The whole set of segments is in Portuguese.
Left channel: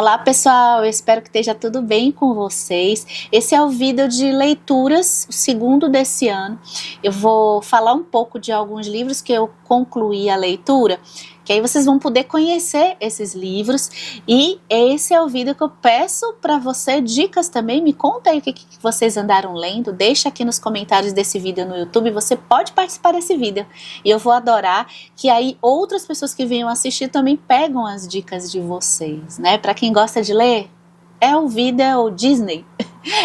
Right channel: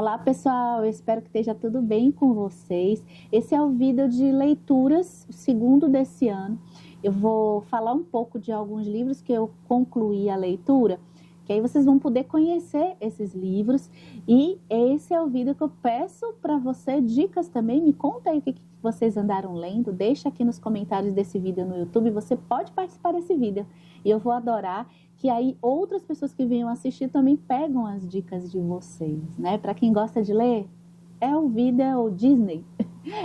Olá pessoal, eu espero que esteja tudo bem com vocês. Esse é o vídeo de leituras, o segundo desse ano. Eu vou falar um pouco de alguns livros que eu concluí a leitura, que aí vocês vão poder conhecer esses livros. E esse é o vídeo que eu peço para você dicas também. Me conta aí o que vocês andaram lendo, deixa aqui nos comentários desse vídeo no YouTube, você pode participar desse vídeo. E eu vou adorar que aí outras pessoas que venham assistir também pegam as dicas de vocês, né? Para quem gosta de ler, é o vídeo Disney,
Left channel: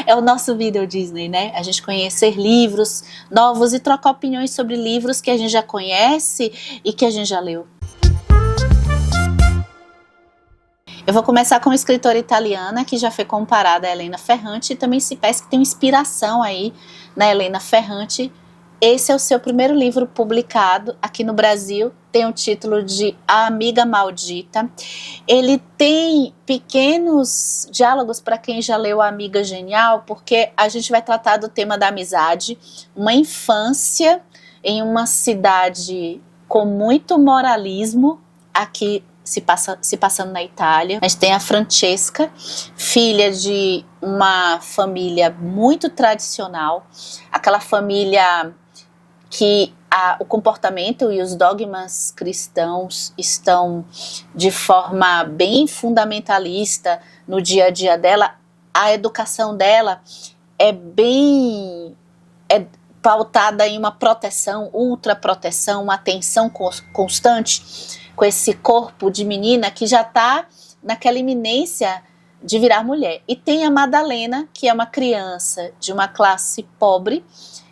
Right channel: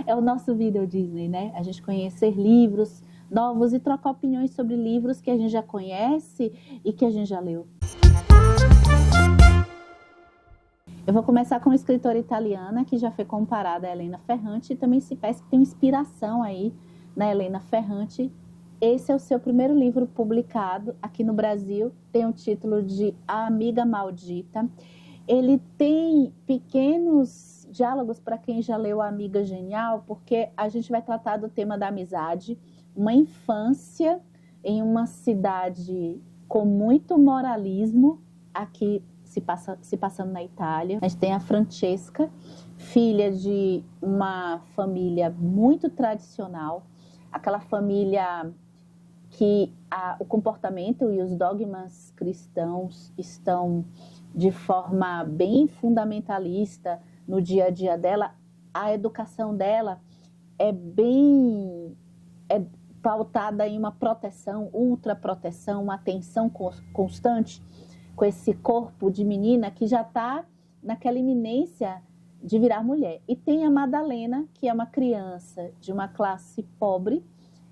é o nosso vídeo Disney, né? A gente conhecer livros novos e trocar opiniões sobre livros que a gente já conhece e que a gente já leu. Eu vou começar com uma escritora italiana que já foi comparada a Elena Ferrante e também se parece que tem inspiração aí na Elena Ferrante. Esse é o seu primeiro livro publicado aqui no Brasil, tem o título de A Amiga Maldita. Ele tem pequenos diálogos para quem já leu A Amiga Genial, porque a gente vai tratar do tema da amizade, uma infância em uma cidade com muito moralismo, aqui se passando na Itália. A gente tem a Francesca, filha de uma família muito tradicional, aquela família que o comportamento e os dogmas cristãos estão de forma bem fundamentalista no dia a dia dela. A educação dela é pautada em uma proteção, ultraproteção, uma atenção constante com esse corpo de menina que já está naquela iminência de virar mulher. E tem a Madalena, que é uma criança de uma classe pobre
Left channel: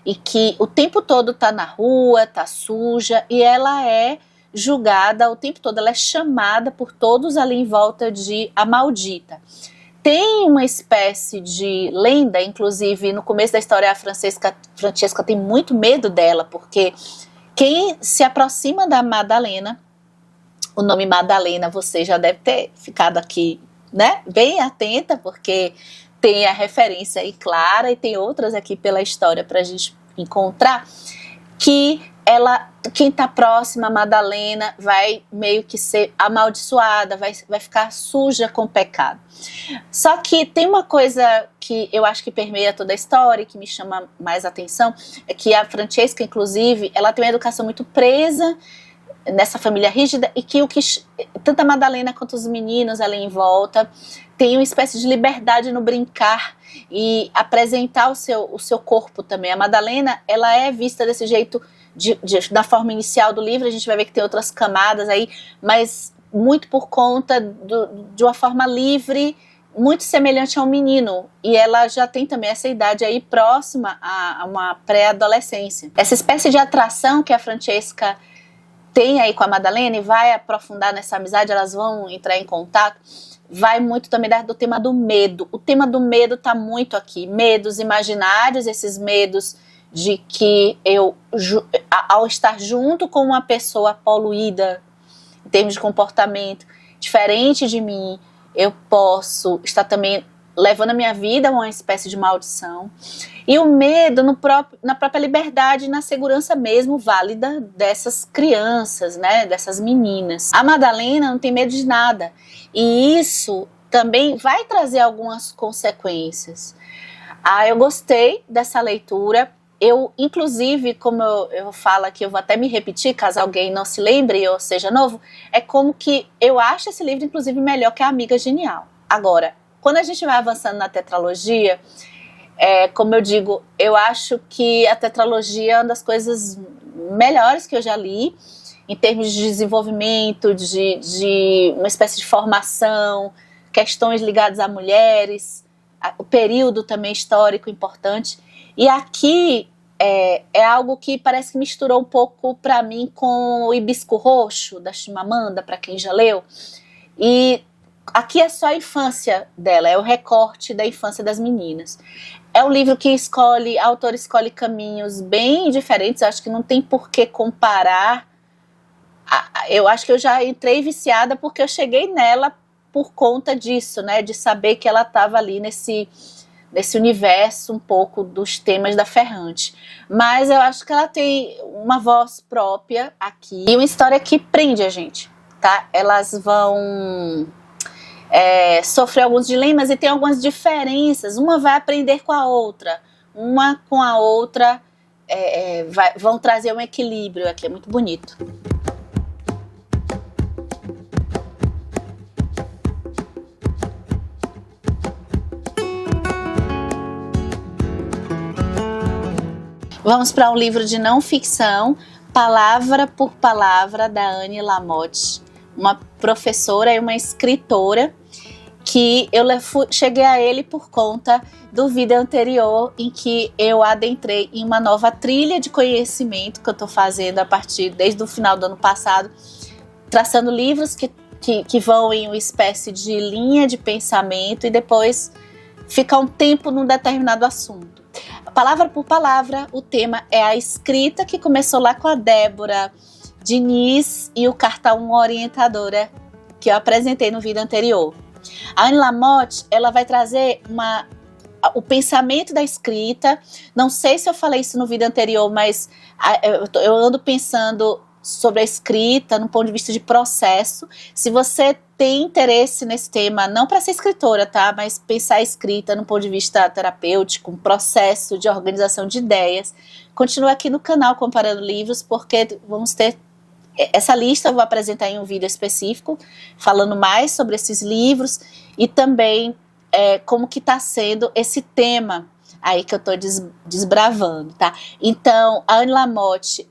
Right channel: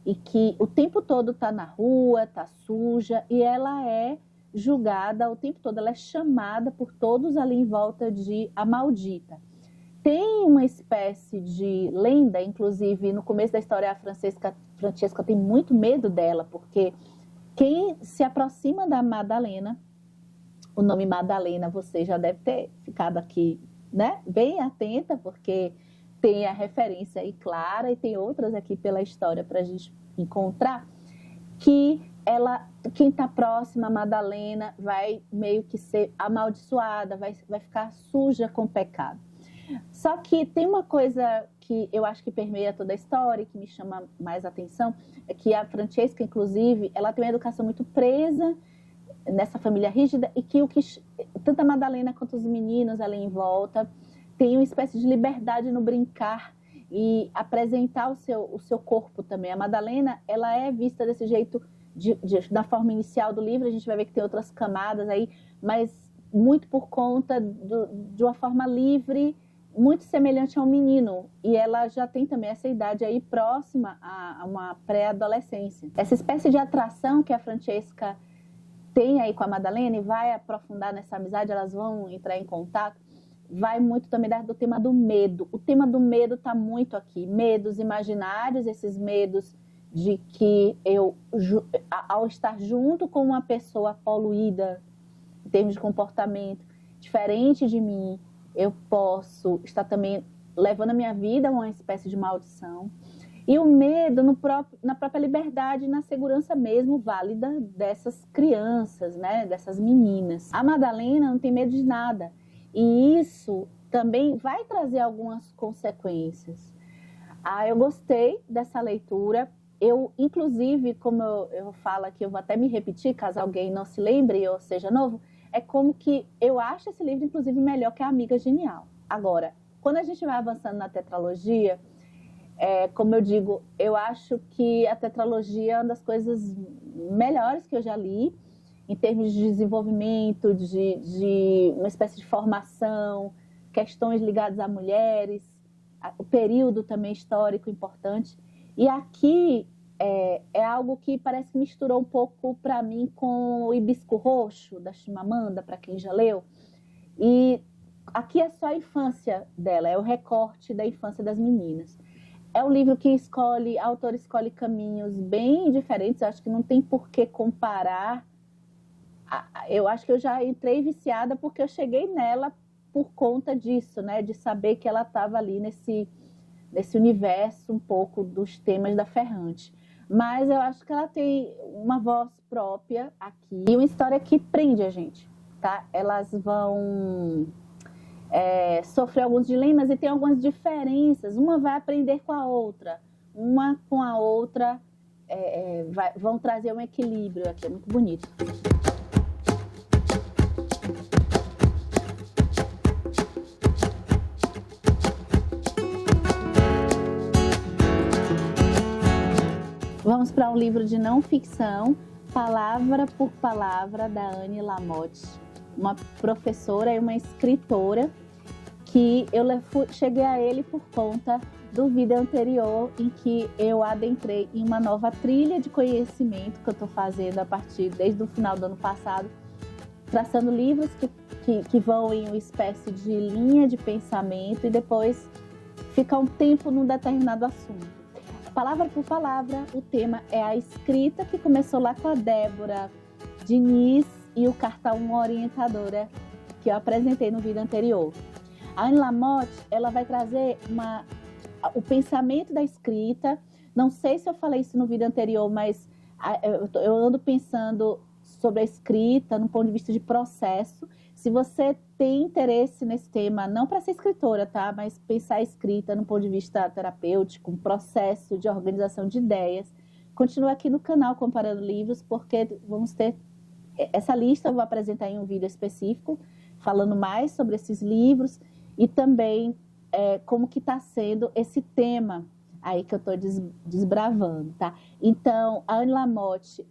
e que o tempo todo está na rua, está suja, e ela é julgada o tempo todo, ela é chamada por todos ali em volta de a maldita. Tem uma espécie de lenda, inclusive no começo da história a Francesca tem muito medo dela, porque quem se aproxima da Madalena, o nome Madalena você já deve ter ficado aqui, né, bem atenta, porque tem a referência aí clara e tem outras aqui pela história para a gente encontrar, que quem está próxima a Madalena vai meio que ser amaldiçoada, vai ficar suja com o pecado. Só que tem uma coisa que eu acho que permeia toda a história e que me chama mais atenção, é que a Francesca, inclusive, ela tem uma educação muito presa nessa família rígida e que tanto a Madalena quanto os meninos ali em volta tem uma espécie de liberdade no brincar e apresentar o seu corpo também. A Madalena, ela é vista desse jeito da forma inicial do livro, a gente vai ver que tem outras camadas aí, mas muito por conta de uma forma livre, muito semelhante a um menino, e ela já tem também essa idade aí próxima a uma pré-adolescência. Essa espécie de atração que a Francesca tem aí com a Madalena e vai aprofundar nessa amizade, elas vão entrar em contato, vai muito também do tema do medo. O tema do medo está muito aqui, medos imaginários, esses medos de que eu, ao estar junto com uma pessoa poluída, em termos de comportamento, diferente de mim, eu posso estar também levando a minha vida a uma espécie de maldição. E o medo na própria liberdade e na segurança mesmo válida dessas crianças, né, dessas meninas. A Madalena não tem medo de nada. E isso também vai trazer algumas consequências. Eu gostei dessa leitura. Eu, inclusive, como eu falo aqui, eu vou até me repetir, caso alguém não se lembre ou seja novo, é como que eu acho esse livro, inclusive, melhor que A Amiga Genial. Agora, quando a gente vai avançando na tetralogia, como eu digo, eu acho que a tetralogia é uma das coisas melhores que eu já li, em termos de desenvolvimento, de uma espécie de formação, questões ligadas a mulheres, o período também histórico importante. E aqui é algo que parece que misturou um pouco para mim com o Hibisco Roxo, da Chimamanda, para quem já leu. E aqui é só a infância dela, é o recorte da infância das meninas. É um livro que a autora escolhe caminhos bem diferentes, acho que não tem por que comparar. Eu acho que eu já entrei viciada porque eu cheguei nela por conta disso, né, de saber que ela estava ali nesse universo um pouco dos temas da Ferrante. Mas eu acho que ela tem uma voz própria aqui e uma história que prende a gente, tá? Elas vão sofrer alguns dilemas e tem algumas diferenças. Uma vai aprender com a outra, uma com a outra vão trazer um equilíbrio aqui, é muito bonito. Vamos para um livro de não ficção, Palavra por Palavra, da Anne Lamott, uma professora e uma escritora que eu cheguei a ele por conta do vídeo anterior em que eu adentrei em uma nova trilha de conhecimento que eu estou fazendo desde o final do ano passado, traçando livros que vão em uma espécie de linha de pensamento e depois fica um tempo num determinado assunto. Palavra por palavra, o tema é a escrita, que começou lá com a Débora Diniz e o Carta 1 Orientadora, que eu apresentei no vídeo anterior. A Anne Lamott, ela vai trazer o pensamento da escrita. Não sei se eu falei isso no vídeo anterior, mas eu ando pensando sobre a escrita no ponto de vista de processo. Se você tem interesse nesse tema, não para ser escritora, tá? Mas pensar a escrita no ponto de vista terapêutico, um processo de organização de ideias, continua aqui no canal Comparando Livros, porque vamos ter essa lista, eu vou apresentar em um vídeo específico, falando mais sobre esses livros e também como que está sendo esse tema aí que eu estou desbravando, tá? Então, a Anne Lamott,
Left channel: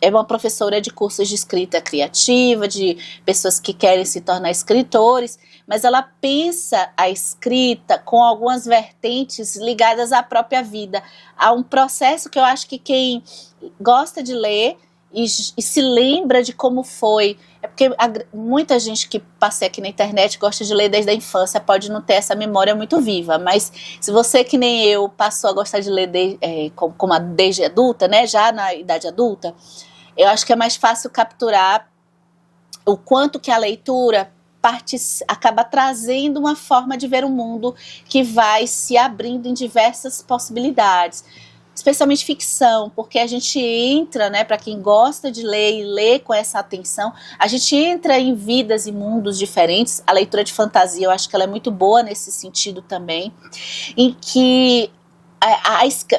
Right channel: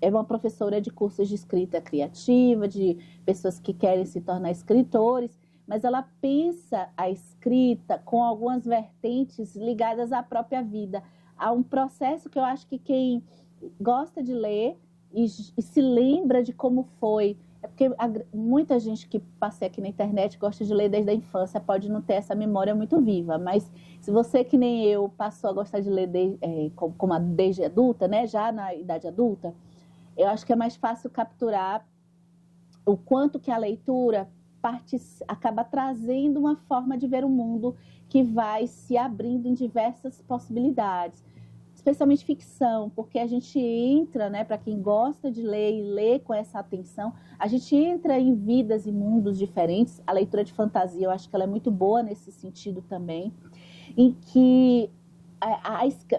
é uma professora de cursos de escrita criativa, de pessoas que querem se tornar escritores, mas ela pensa a escrita com algumas vertentes ligadas à própria vida, a um processo que eu acho que quem gosta de ler e se lembra de como foi, porque muita gente que passa aqui na internet gosta de ler desde a infância, pode não ter essa memória muito viva, mas se você, que nem eu, passou a gostar de ler desde adulta, né, já na idade adulta, eu acho que é mais fácil capturar o quanto que a leitura acaba trazendo uma forma de ver o mundo que vai se abrindo em diversas possibilidades, especialmente ficção, porque a gente entra, né, para quem gosta de ler e lê com essa atenção, a gente entra em vidas e mundos diferentes. A leitura de fantasia, eu acho que ela é muito boa nesse sentido também, em que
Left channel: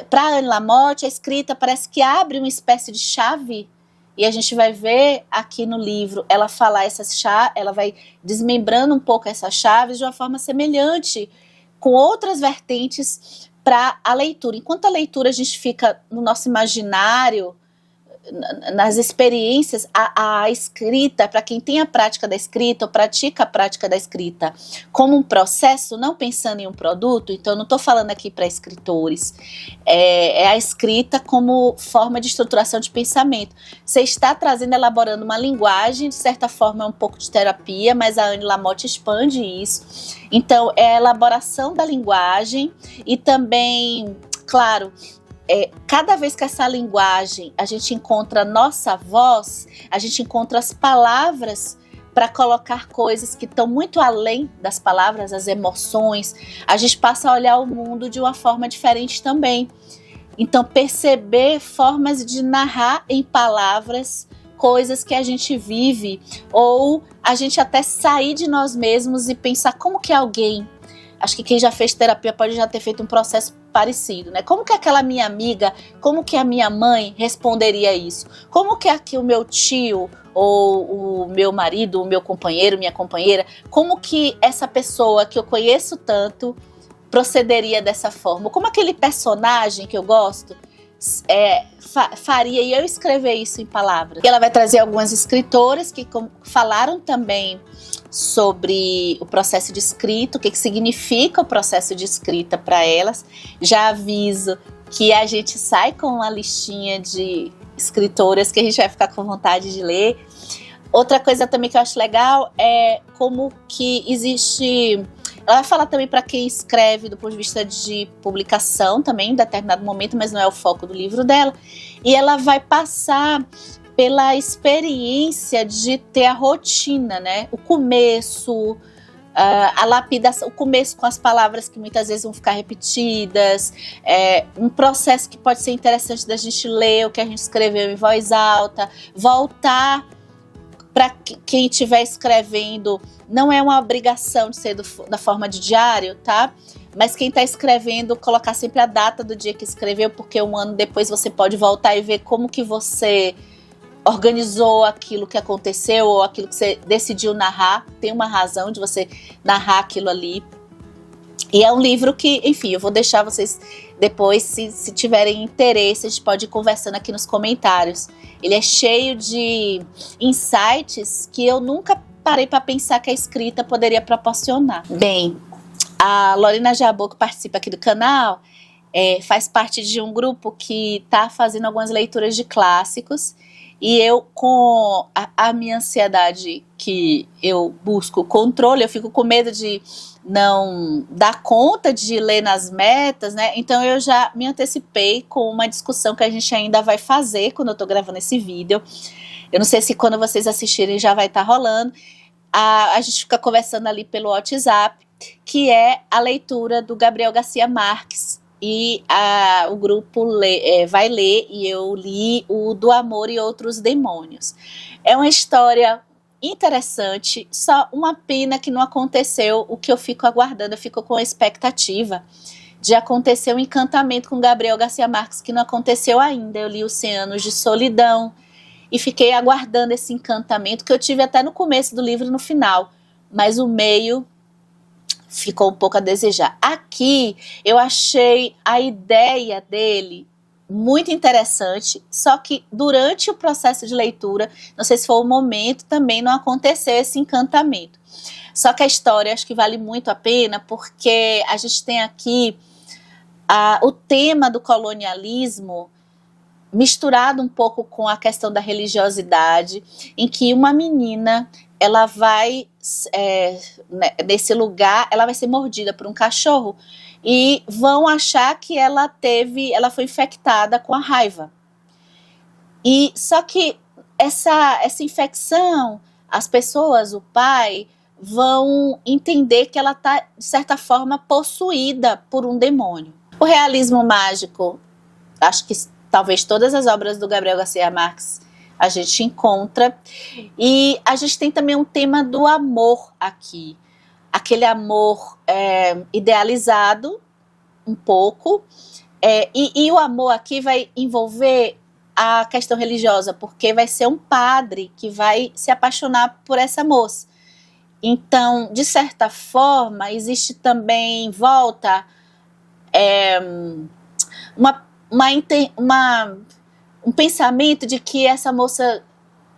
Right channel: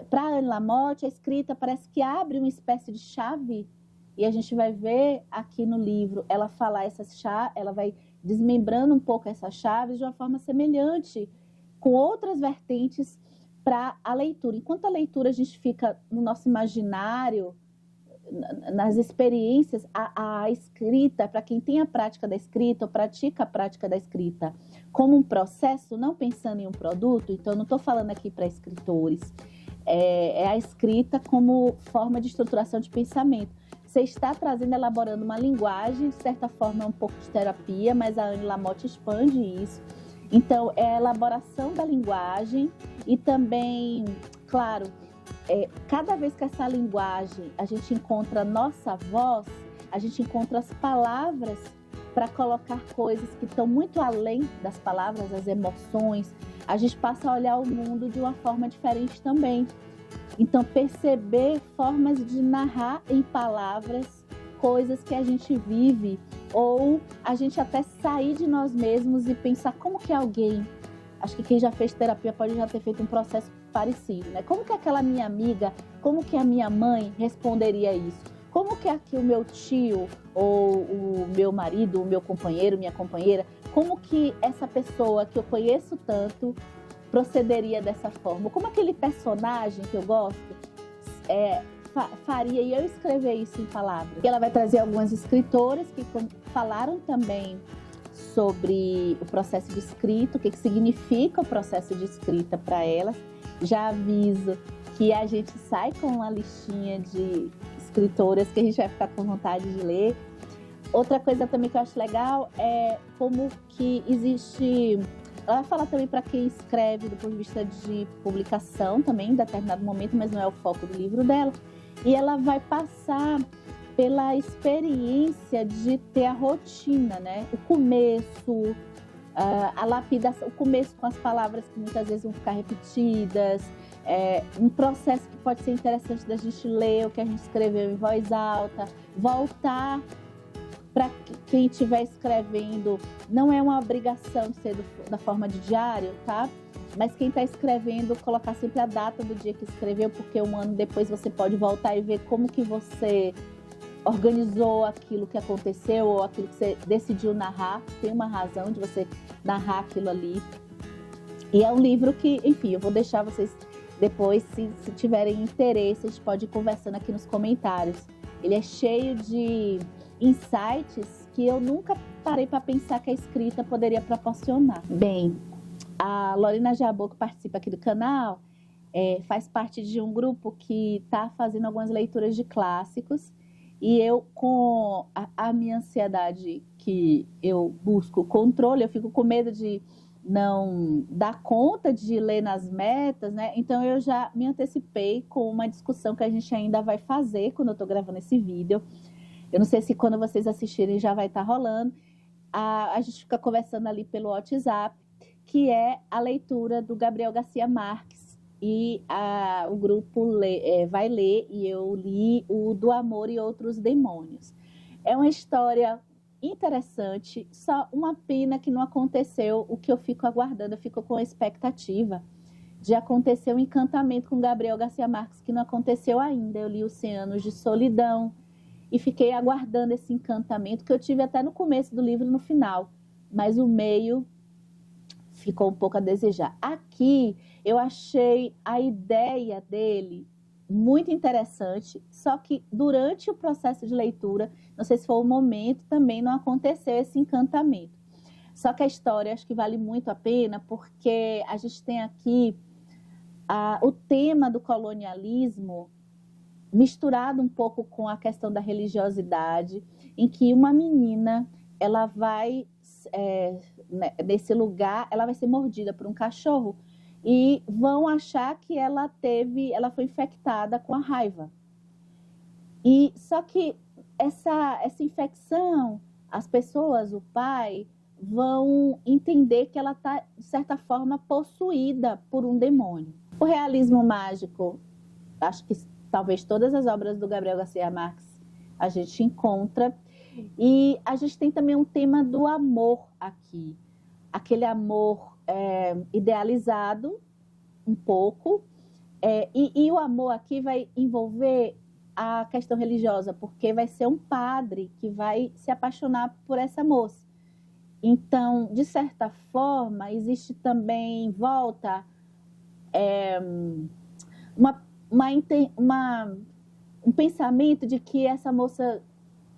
para Anne Lamott, a escrita parece que abre uma espécie de chave, e a gente vai ver aqui no livro ela falar ela vai desmembrando um pouco essas chaves de uma forma semelhante, com outras vertentes para a leitura. Enquanto a leitura a gente fica no nosso imaginário, nas experiências, a escrita, para quem tem a prática da escrita ou pratica a prática da escrita como um processo, não pensando em um produto, então eu não estou falando aqui para escritores, é a escrita como forma de estruturação de pensamento. Você está elaborando uma linguagem, de certa forma é um pouco de terapia, mas a Anne Lamott expande isso. Então é a elaboração da linguagem e também, claro, cada vez que essa linguagem a gente encontra a nossa voz, a gente encontra as palavras para colocar coisas que estão muito além das palavras, as emoções, a gente passa a olhar o mundo de uma forma diferente também. Então, perceber formas de narrar em palavras coisas que a gente vive, ou a gente até sair de nós mesmos e pensar como que alguém... Acho que quem já fez terapia pode já ter feito um processo parecido, né? Como que aquela minha amiga, como que a minha mãe responderia isso? Como que aqui o meu tio, ou o meu marido, o meu companheiro, minha companheira, como que essa pessoa que eu conheço tanto procederia dessa forma? Como aquele personagem que eu gosto faria, e eu escrever isso em palavras? E ela vai trazer algumas escritoras que falaram também sobre o processo de escrita, o que significa o processo de escrita para elas. Já aviso que a gente sai com uma listinha de escritoras que a gente vai ficar com vontade de ler. Outra coisa também que eu acho legal é como que existe... Ela vai falar também para quem escreve do ponto de vista de publicação também, em determinado momento, mas não é o foco do livro dela. E ela vai passar pela experiência de ter a rotina, né? O começo, a lapidação, o começo com as palavras que muitas vezes vão ficar repetidas, um processo que pode ser interessante da gente ler o que a gente escreveu em voz alta, voltar Para quem estiver escrevendo, não é uma obrigação de ser da forma de diário, tá? Mas quem está escrevendo, colocar sempre a data do dia que escreveu, porque um ano depois você pode voltar e ver como que você organizou aquilo que aconteceu ou aquilo que você decidiu narrar. Tem uma razão de você narrar aquilo ali. E é um livro que, enfim, eu vou deixar vocês depois, se tiverem interesse, a gente pode ir conversando aqui nos comentários. Ele é cheio de insights que eu nunca parei para pensar que a escrita poderia proporcionar. Bem, a Lorena Jabot, que participa aqui do canal, faz parte de um grupo que está fazendo algumas leituras de clássicos. E eu, com a minha ansiedade, que eu busco controle, eu fico com medo de não dar conta de ler nas metas, né? Então eu já me antecipei com uma discussão que a gente ainda vai fazer quando eu tô gravando esse vídeo. Eu não sei se quando vocês assistirem já vai estar rolando. A gente fica conversando ali pelo WhatsApp, que é a leitura do Gabriel Garcia Marques. E o grupo vai ler, e eu li o Do Amor e Outros Demônios. É uma história interessante, só uma pena que não aconteceu o que eu fico aguardando. Eu fico com a expectativa de acontecer um encantamento com Gabriel Garcia Marques, que não aconteceu ainda. Eu li os 100 Anos de Solidão e fiquei aguardando esse encantamento, que eu tive até no começo do livro e no final, mas o meio ficou um pouco a desejar. Aqui eu achei a ideia dele muito interessante, só que durante o processo de leitura, não sei se foi o momento, também não aconteceu esse encantamento. Só que a história acho que vale muito a pena, porque a gente tem aqui o tema do colonialismo misturado um pouco com a questão da religiosidade, em que uma menina, ela vai, nesse lugar, ela vai ser mordida por um cachorro, e vão achar que ela foi infectada com a raiva. E só que essa infecção, as pessoas, o pai, vão entender que ela está, de certa forma, possuída por um demônio. O realismo mágico, acho que talvez todas as obras do Gabriel Garcia Marques a gente encontra. E a gente tem também um tema do amor aqui. Aquele amor idealizado um pouco, e o amor aqui vai envolver a questão religiosa, porque vai ser um padre que vai se apaixonar por essa moça. Então, de certa forma, existe também em volta um pensamento de que essa moça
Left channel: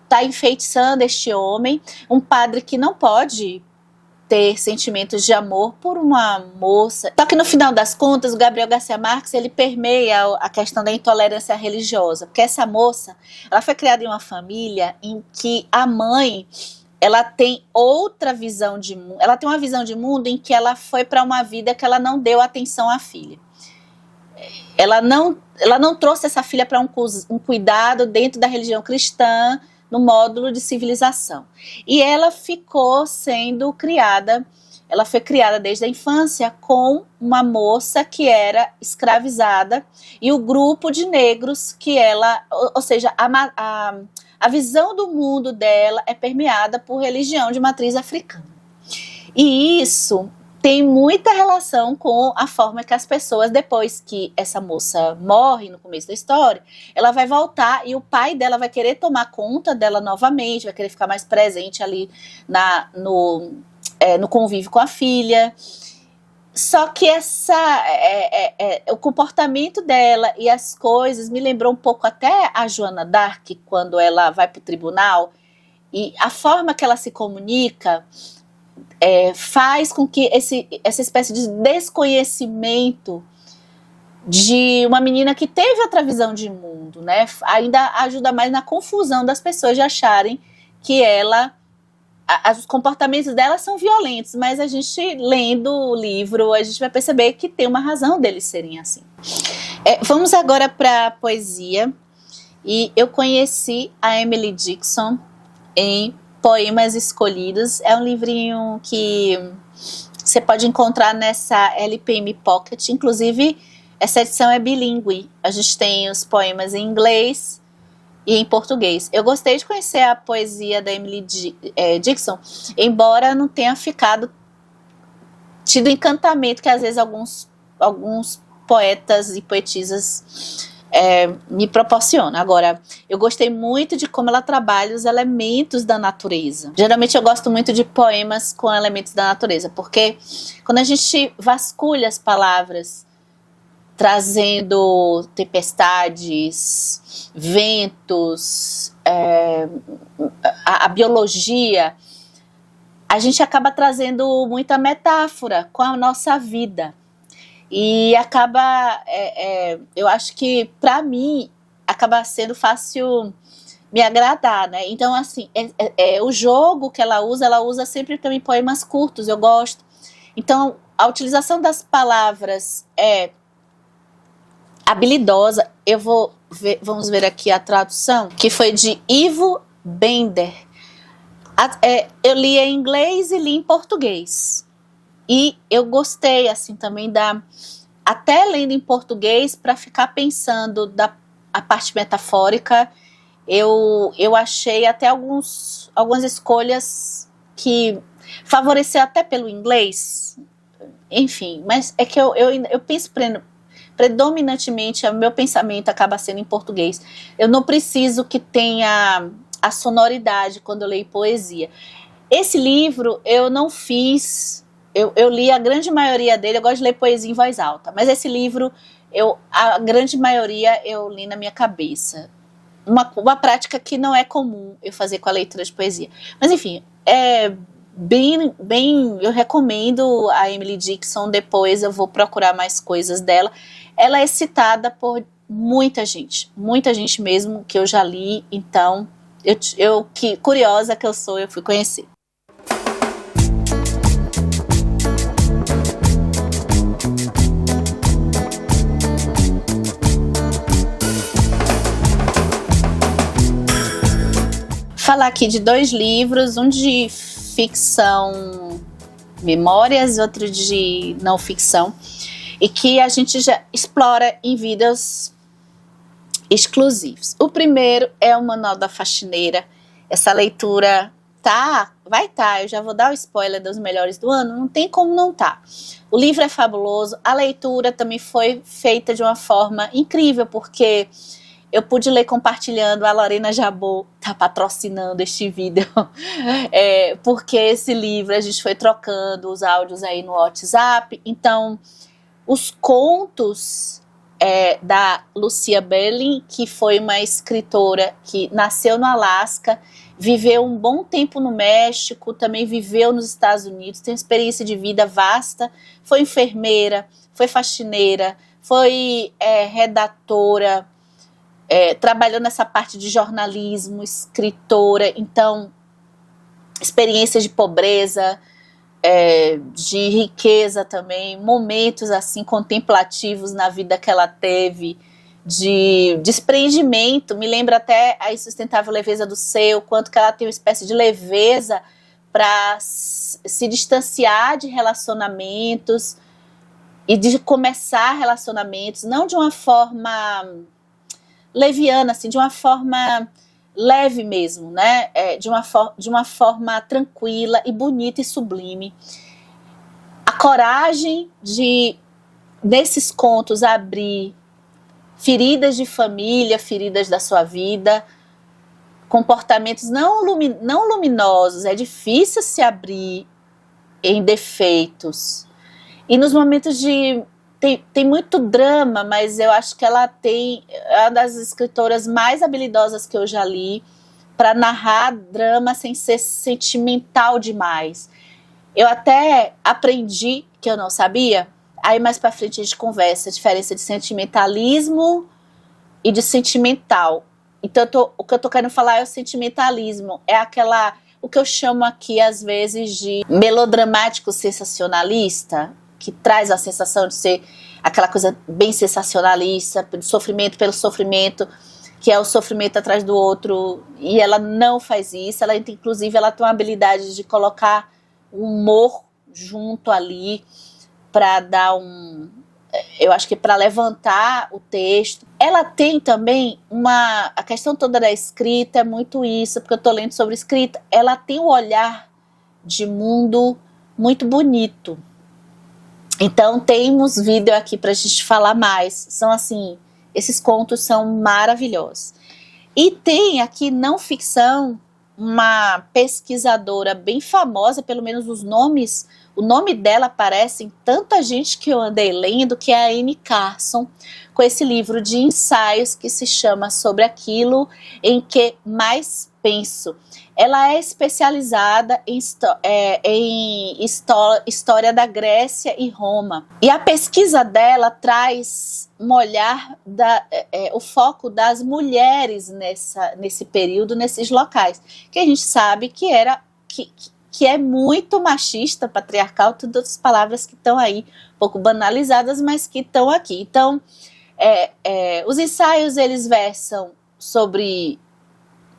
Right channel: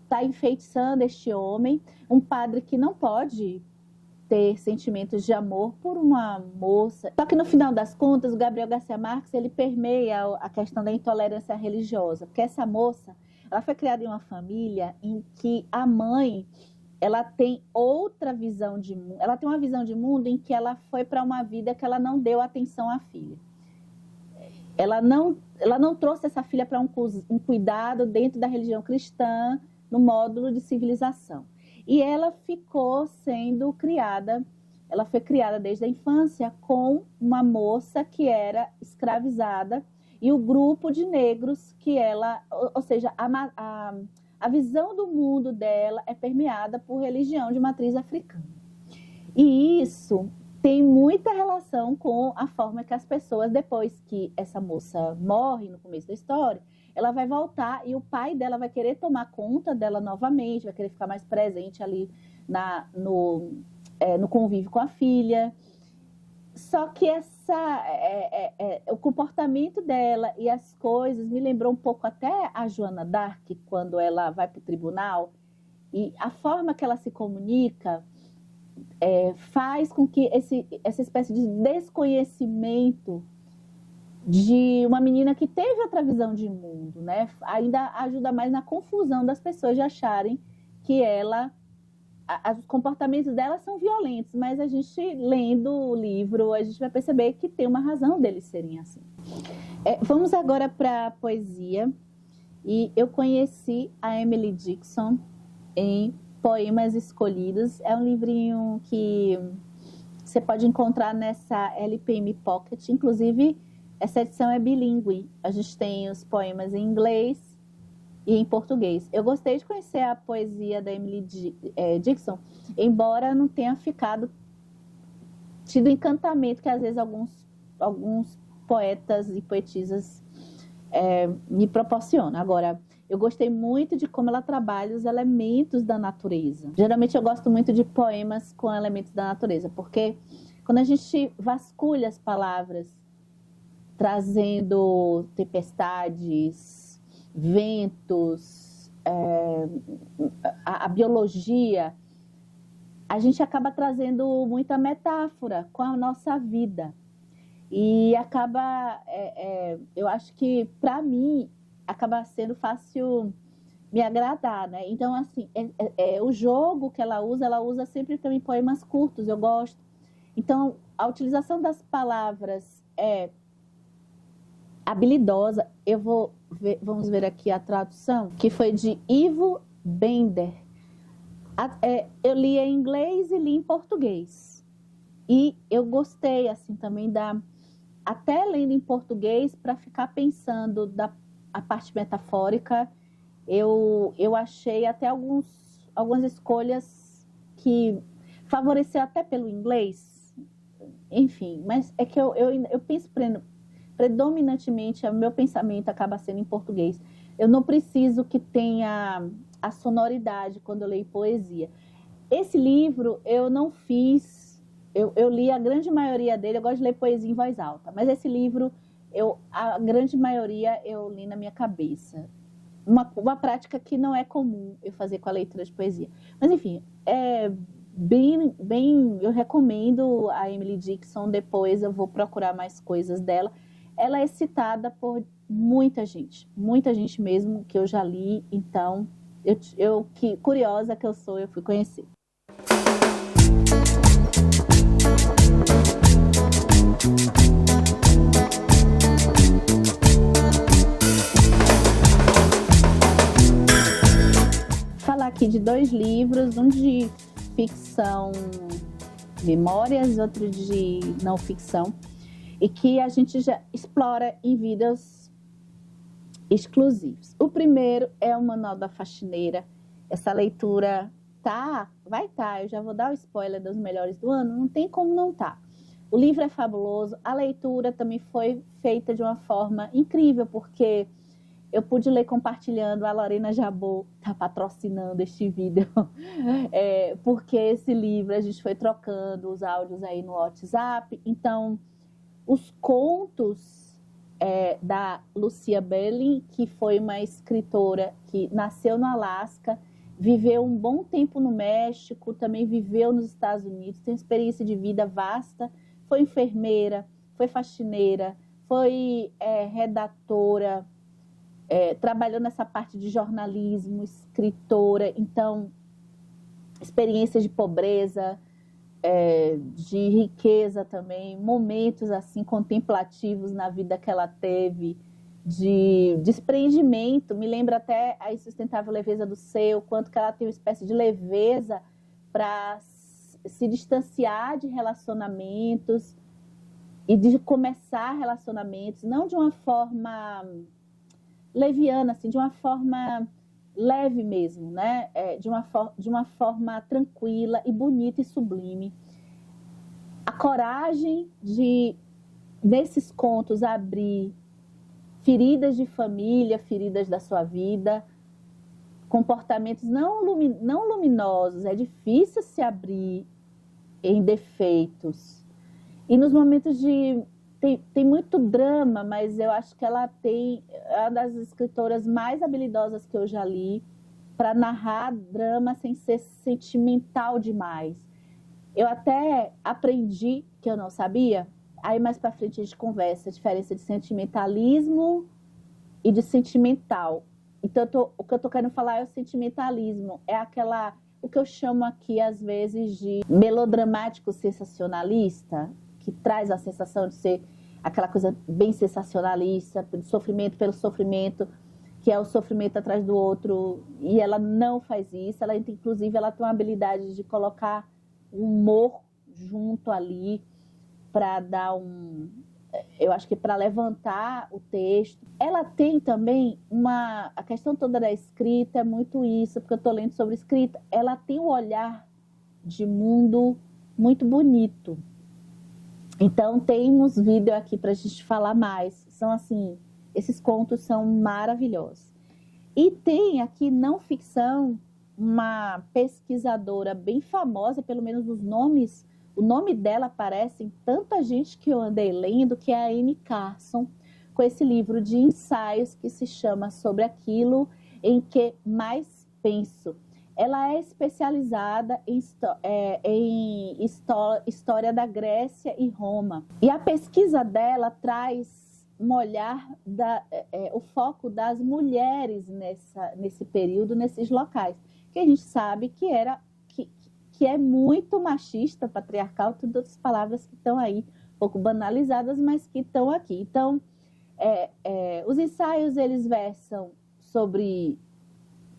está enfeitiçando este homem, um padre que não pode ter sentimentos de amor por uma moça. Só que no final das contas, o Gabriel Garcia Marques, ele permeia a questão da intolerância religiosa, porque essa moça, ela foi criada em uma família em que a mãe, ela tem outra visão de mundo, ela tem uma visão de mundo em que ela foi para uma vida que ela não deu atenção à filha. Ela não trouxe essa filha para um cuidado dentro da religião cristã, no módulo de civilização. E ela ficou sendo criada, ela foi criada desde a infância com uma moça que era escravizada e o grupo de negros que ela, ou seja, a visão do mundo dela é permeada por religião de matriz africana. E isso tem muita relação com a forma que as pessoas, depois que essa moça morre no começo da história, ela vai voltar e o pai dela vai querer tomar conta dela novamente, vai querer ficar mais presente ali no convívio com a filha. Só que o comportamento dela e as coisas me lembrou um pouco até a Joana d'Arc, quando ela vai para o tribunal, e a forma que ela se comunica faz com que essa espécie de desconhecimento de uma menina que teve outra visão de mundo, né, ainda ajuda mais na confusão das pessoas de acharem que os comportamentos dela são violentos, mas a gente, lendo o livro, a gente vai perceber que tem uma razão deles serem assim. Vamos agora para a poesia, e eu conheci a Emily Dickinson em Poemas Escolhidos. É um livrinho que você pode encontrar nessa LPM Pocket, inclusive essa edição é bilíngue, a gente tem os poemas em inglês e em português. Eu gostei de conhecer a poesia da Emily Dickinson, embora não tenha tido encantamento que às vezes alguns poetas e poetisas me proporcionam. Agora, eu gostei muito de como ela trabalha os elementos da natureza. Geralmente eu gosto muito de poemas com elementos da natureza, porque quando a gente vasculha as palavras, trazendo tempestades, ventos, a biologia, a gente acaba trazendo muita metáfora com a nossa vida. E acaba, eu acho que para mim, acaba sendo fácil me agradar, né? Então, assim, o jogo que ela usa sempre também poemas curtos, eu gosto. Então, a utilização das palavras é habilidosa. Vamos ver aqui a tradução, que foi de Ivo Bender. Eu li em inglês e li em português. E eu gostei, assim, também até lendo em português, para ficar pensando a parte metafórica, eu achei até algumas escolhas que favoreceram até pelo inglês. Enfim, mas é que eu penso predominantemente, o meu pensamento acaba sendo em português. Eu não preciso que tenha a sonoridade quando eu leio poesia. Esse livro eu não fiz, eu li a grande maioria dele, eu gosto de ler poesia em voz alta, mas esse livro, a grande maioria eu li na minha cabeça. Uma prática que não é comum eu fazer com a leitura de poesia. Mas enfim, eu recomendo a Emily Dickinson, depois eu vou procurar mais coisas dela. Ela é citada por muita gente mesmo, que eu já li, então, que curiosa que eu sou, eu fui conhecer. Falar aqui de 2 livros, um de ficção, memórias, outro de não ficção, e que a gente já explora em vídeos exclusivos. O primeiro é o Manual da Faxineira. Essa leitura vai estar, eu já vou dar o spoiler dos melhores do ano, não tem como não estar. O livro é fabuloso, a leitura também foi feita de uma forma incrível, porque eu pude ler compartilhando, a Lorena Jabot está patrocinando este vídeo, porque esse livro a gente foi trocando os áudios aí no WhatsApp. Então, os contos da Lucia Berling, que foi uma escritora que nasceu no Alasca, viveu um bom tempo no México, também viveu nos Estados Unidos, tem experiência de vida vasta, foi enfermeira, foi faxineira, foi redatora, trabalhou nessa parte de jornalismo, escritora, então experiências de pobreza, de riqueza também, momentos assim contemplativos na vida que ela teve, de desprendimento. Me lembra até a Insustentável Leveza do Ser, o quanto que ela tem uma espécie de leveza para se distanciar de relacionamentos e de começar relacionamentos, não de uma forma leviana, assim, de uma forma leve mesmo, né? De uma forma tranquila e bonita e sublime. A coragem de, nesses contos, abrir feridas de família, feridas da sua vida, comportamentos não luminosos, é difícil se abrir em defeitos. E nos momentos de... Tem muito drama, mas eu acho que ela é uma das escritoras mais habilidosas que eu já li para narrar drama sem ser sentimental demais. Eu até aprendi, que eu não sabia, aí mais para frente a gente conversa, a diferença de sentimentalismo e de sentimental. Então o que eu tô querendo falar é o sentimentalismo, o que eu chamo aqui às vezes de melodramático sensacionalista, que traz a sensação de ser aquela coisa bem sensacionalista, sofrimento pelo sofrimento, que é o sofrimento atrás do outro, e ela não faz isso. Inclusive ela tem uma habilidade de colocar o humor junto ali para dar eu acho que para levantar o texto. Ela tem também a questão toda da escrita, é muito isso, porque eu estou lendo sobre escrita, ela tem um olhar de mundo muito bonito. Então temos vídeo aqui para a gente falar mais, são assim, esses contos são maravilhosos. E tem aqui não ficção, uma pesquisadora bem famosa, pelo menos o nome dela aparece em tanta gente que eu andei lendo, que é a Anne Carson, com esse livro de ensaios que se chama Sobre Aquilo em que Mais Penso. Ela é especializada em história da Grécia e Roma. E a pesquisa dela traz um olhar, o foco das mulheres nesse período, nesses locais, que a gente sabe que é muito machista, patriarcal, todas as palavras que estão aí, um pouco banalizadas, mas que estão aqui. Então, os ensaios, eles versam sobre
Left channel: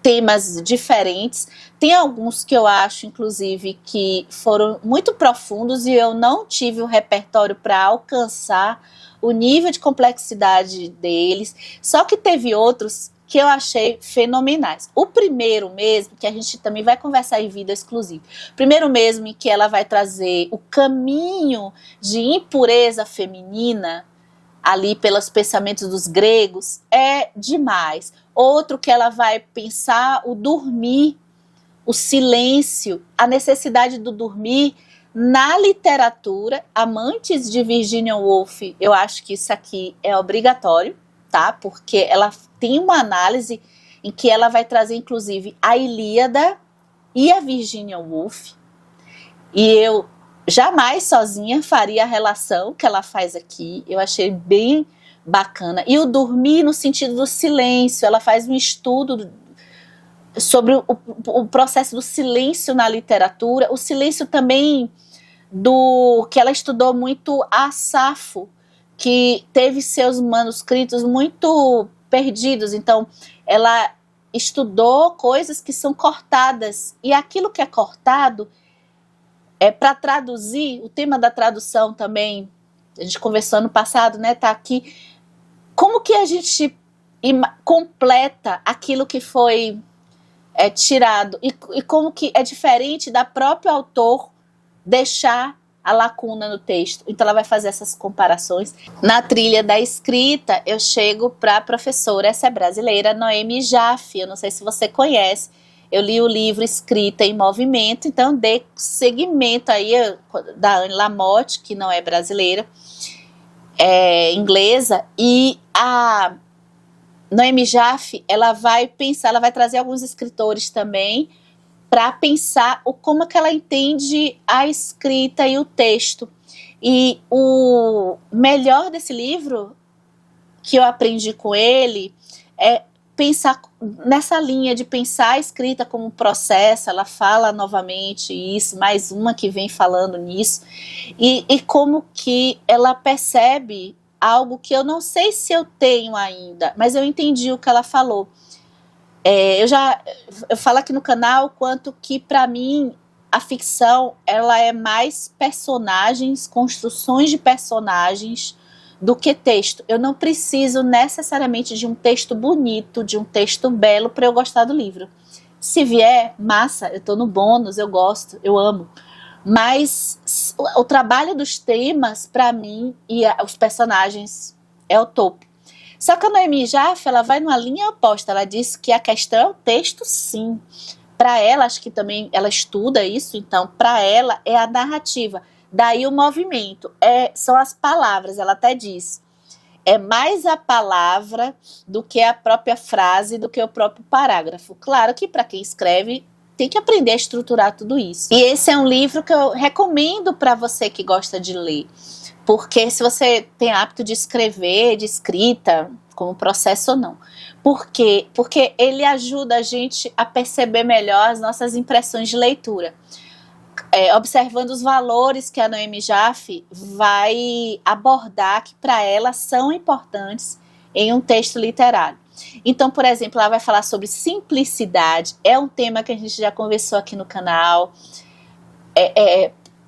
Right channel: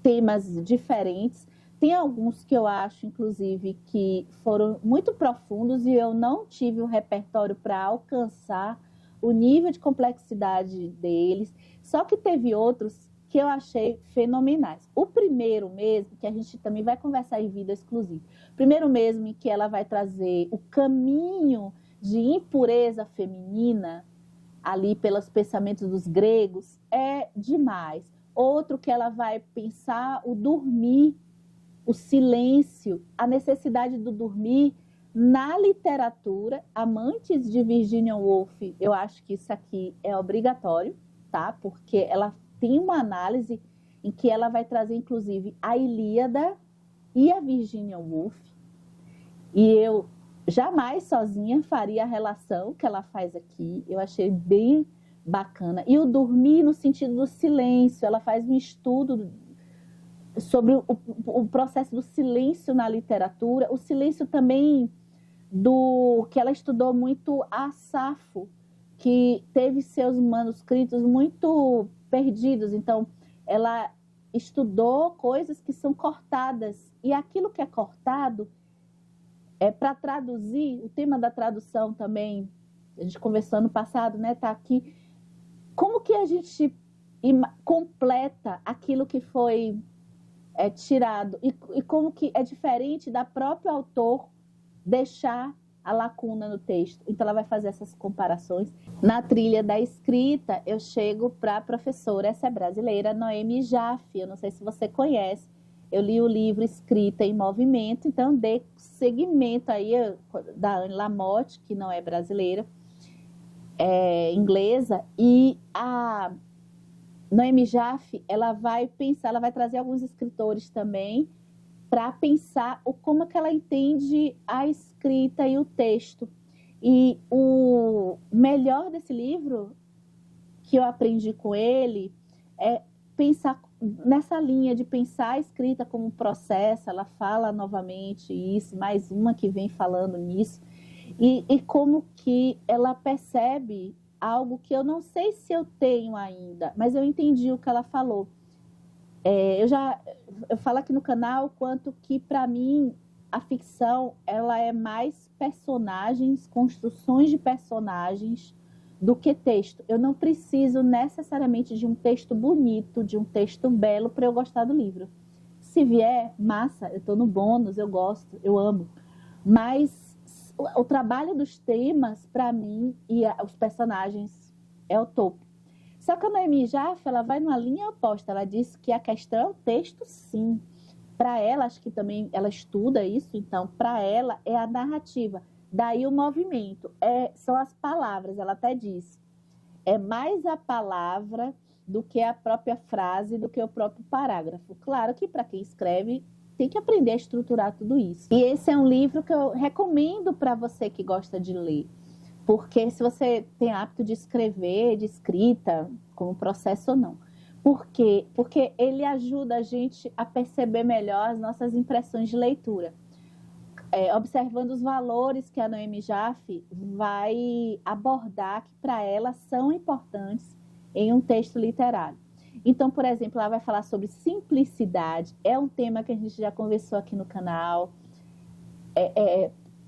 temas diferentes. Tem alguns que eu acho, inclusive, que foram muito profundos e eu não tive o repertório para alcançar o nível de complexidade deles, só que teve outros que eu achei fenomenais. O primeiro mesmo, que a gente também vai conversar em vídeo exclusivo, primeiro mesmo em que ela vai trazer o caminho de impureza feminina, ali pelos pensamentos dos gregos, é demais. Outro que ela vai pensar o dormir, o silêncio, a necessidade do dormir na literatura. Amantes de Virginia Woolf, eu acho que isso aqui é obrigatório, tá? Porque ela tem uma análise em que ela vai trazer, inclusive, a Ilíada e a Virginia Woolf. E eu jamais sozinha faria a relação que ela faz aqui. Eu achei bem bacana. E o dormir no sentido do silêncio. Ela faz um estudo sobre o processo do silêncio na literatura. O silêncio também do que ela estudou muito a Safo, que teve seus manuscritos muito perdidos. Então, ela estudou coisas que são cortadas. E aquilo que é cortado, para traduzir, o tema da tradução também, a gente conversou ano passado, né, tá aqui, como que a gente completa aquilo que foi tirado, e como que é diferente da próprio autor deixar a lacuna no texto. Então ela vai fazer essas comparações. Na trilha da escrita, eu chego para a professora, essa é brasileira, Noemi Jaffe, eu não sei se você conhece. Eu li o livro Escrita em Movimento, então dei seguimento aí da Anne Lamott, que não é brasileira, é inglesa, e a Noemi Jaffe, ela vai trazer alguns escritores também para pensar como que ela entende a escrita e o texto. E o melhor desse livro que eu aprendi com ele é pensar nessa linha de pensar a escrita como um processo. Ela fala novamente isso, mais uma que vem falando nisso, e como que ela percebe algo que eu não sei se eu tenho ainda, mas eu entendi o que ela falou. Eu falo aqui no canal quanto que, para mim, a ficção, ela é mais personagens, construções de personagens, do que texto. Eu não preciso necessariamente de um texto bonito, de um texto belo para eu gostar do livro. Se vier, massa, eu estou no bônus, eu gosto, eu amo. Mas o trabalho dos temas, para mim, e os personagens é o topo. Só que a Noemi Jaffe, ela vai numa linha oposta. Ela diz que a questão é o texto, sim. Para ela, acho que também ela estuda isso, então, para ela é a narrativa. Daí o movimento, são as palavras, ela até diz. É mais a palavra do que a própria frase, do que o próprio parágrafo. Claro que para quem escreve, tem que aprender a estruturar tudo isso. E esse é um livro que eu recomendo para você que gosta de ler. Porque se você tem hábito de escrever, de escrita, como processo ou não. Por quê? Porque ele ajuda a gente a perceber melhor as nossas impressões de leitura. Observando os valores que a Noemi Jaffe vai abordar, que para ela são importantes em um texto literário. Então, por exemplo, ela vai falar sobre simplicidade, é um tema que a gente já conversou aqui no canal.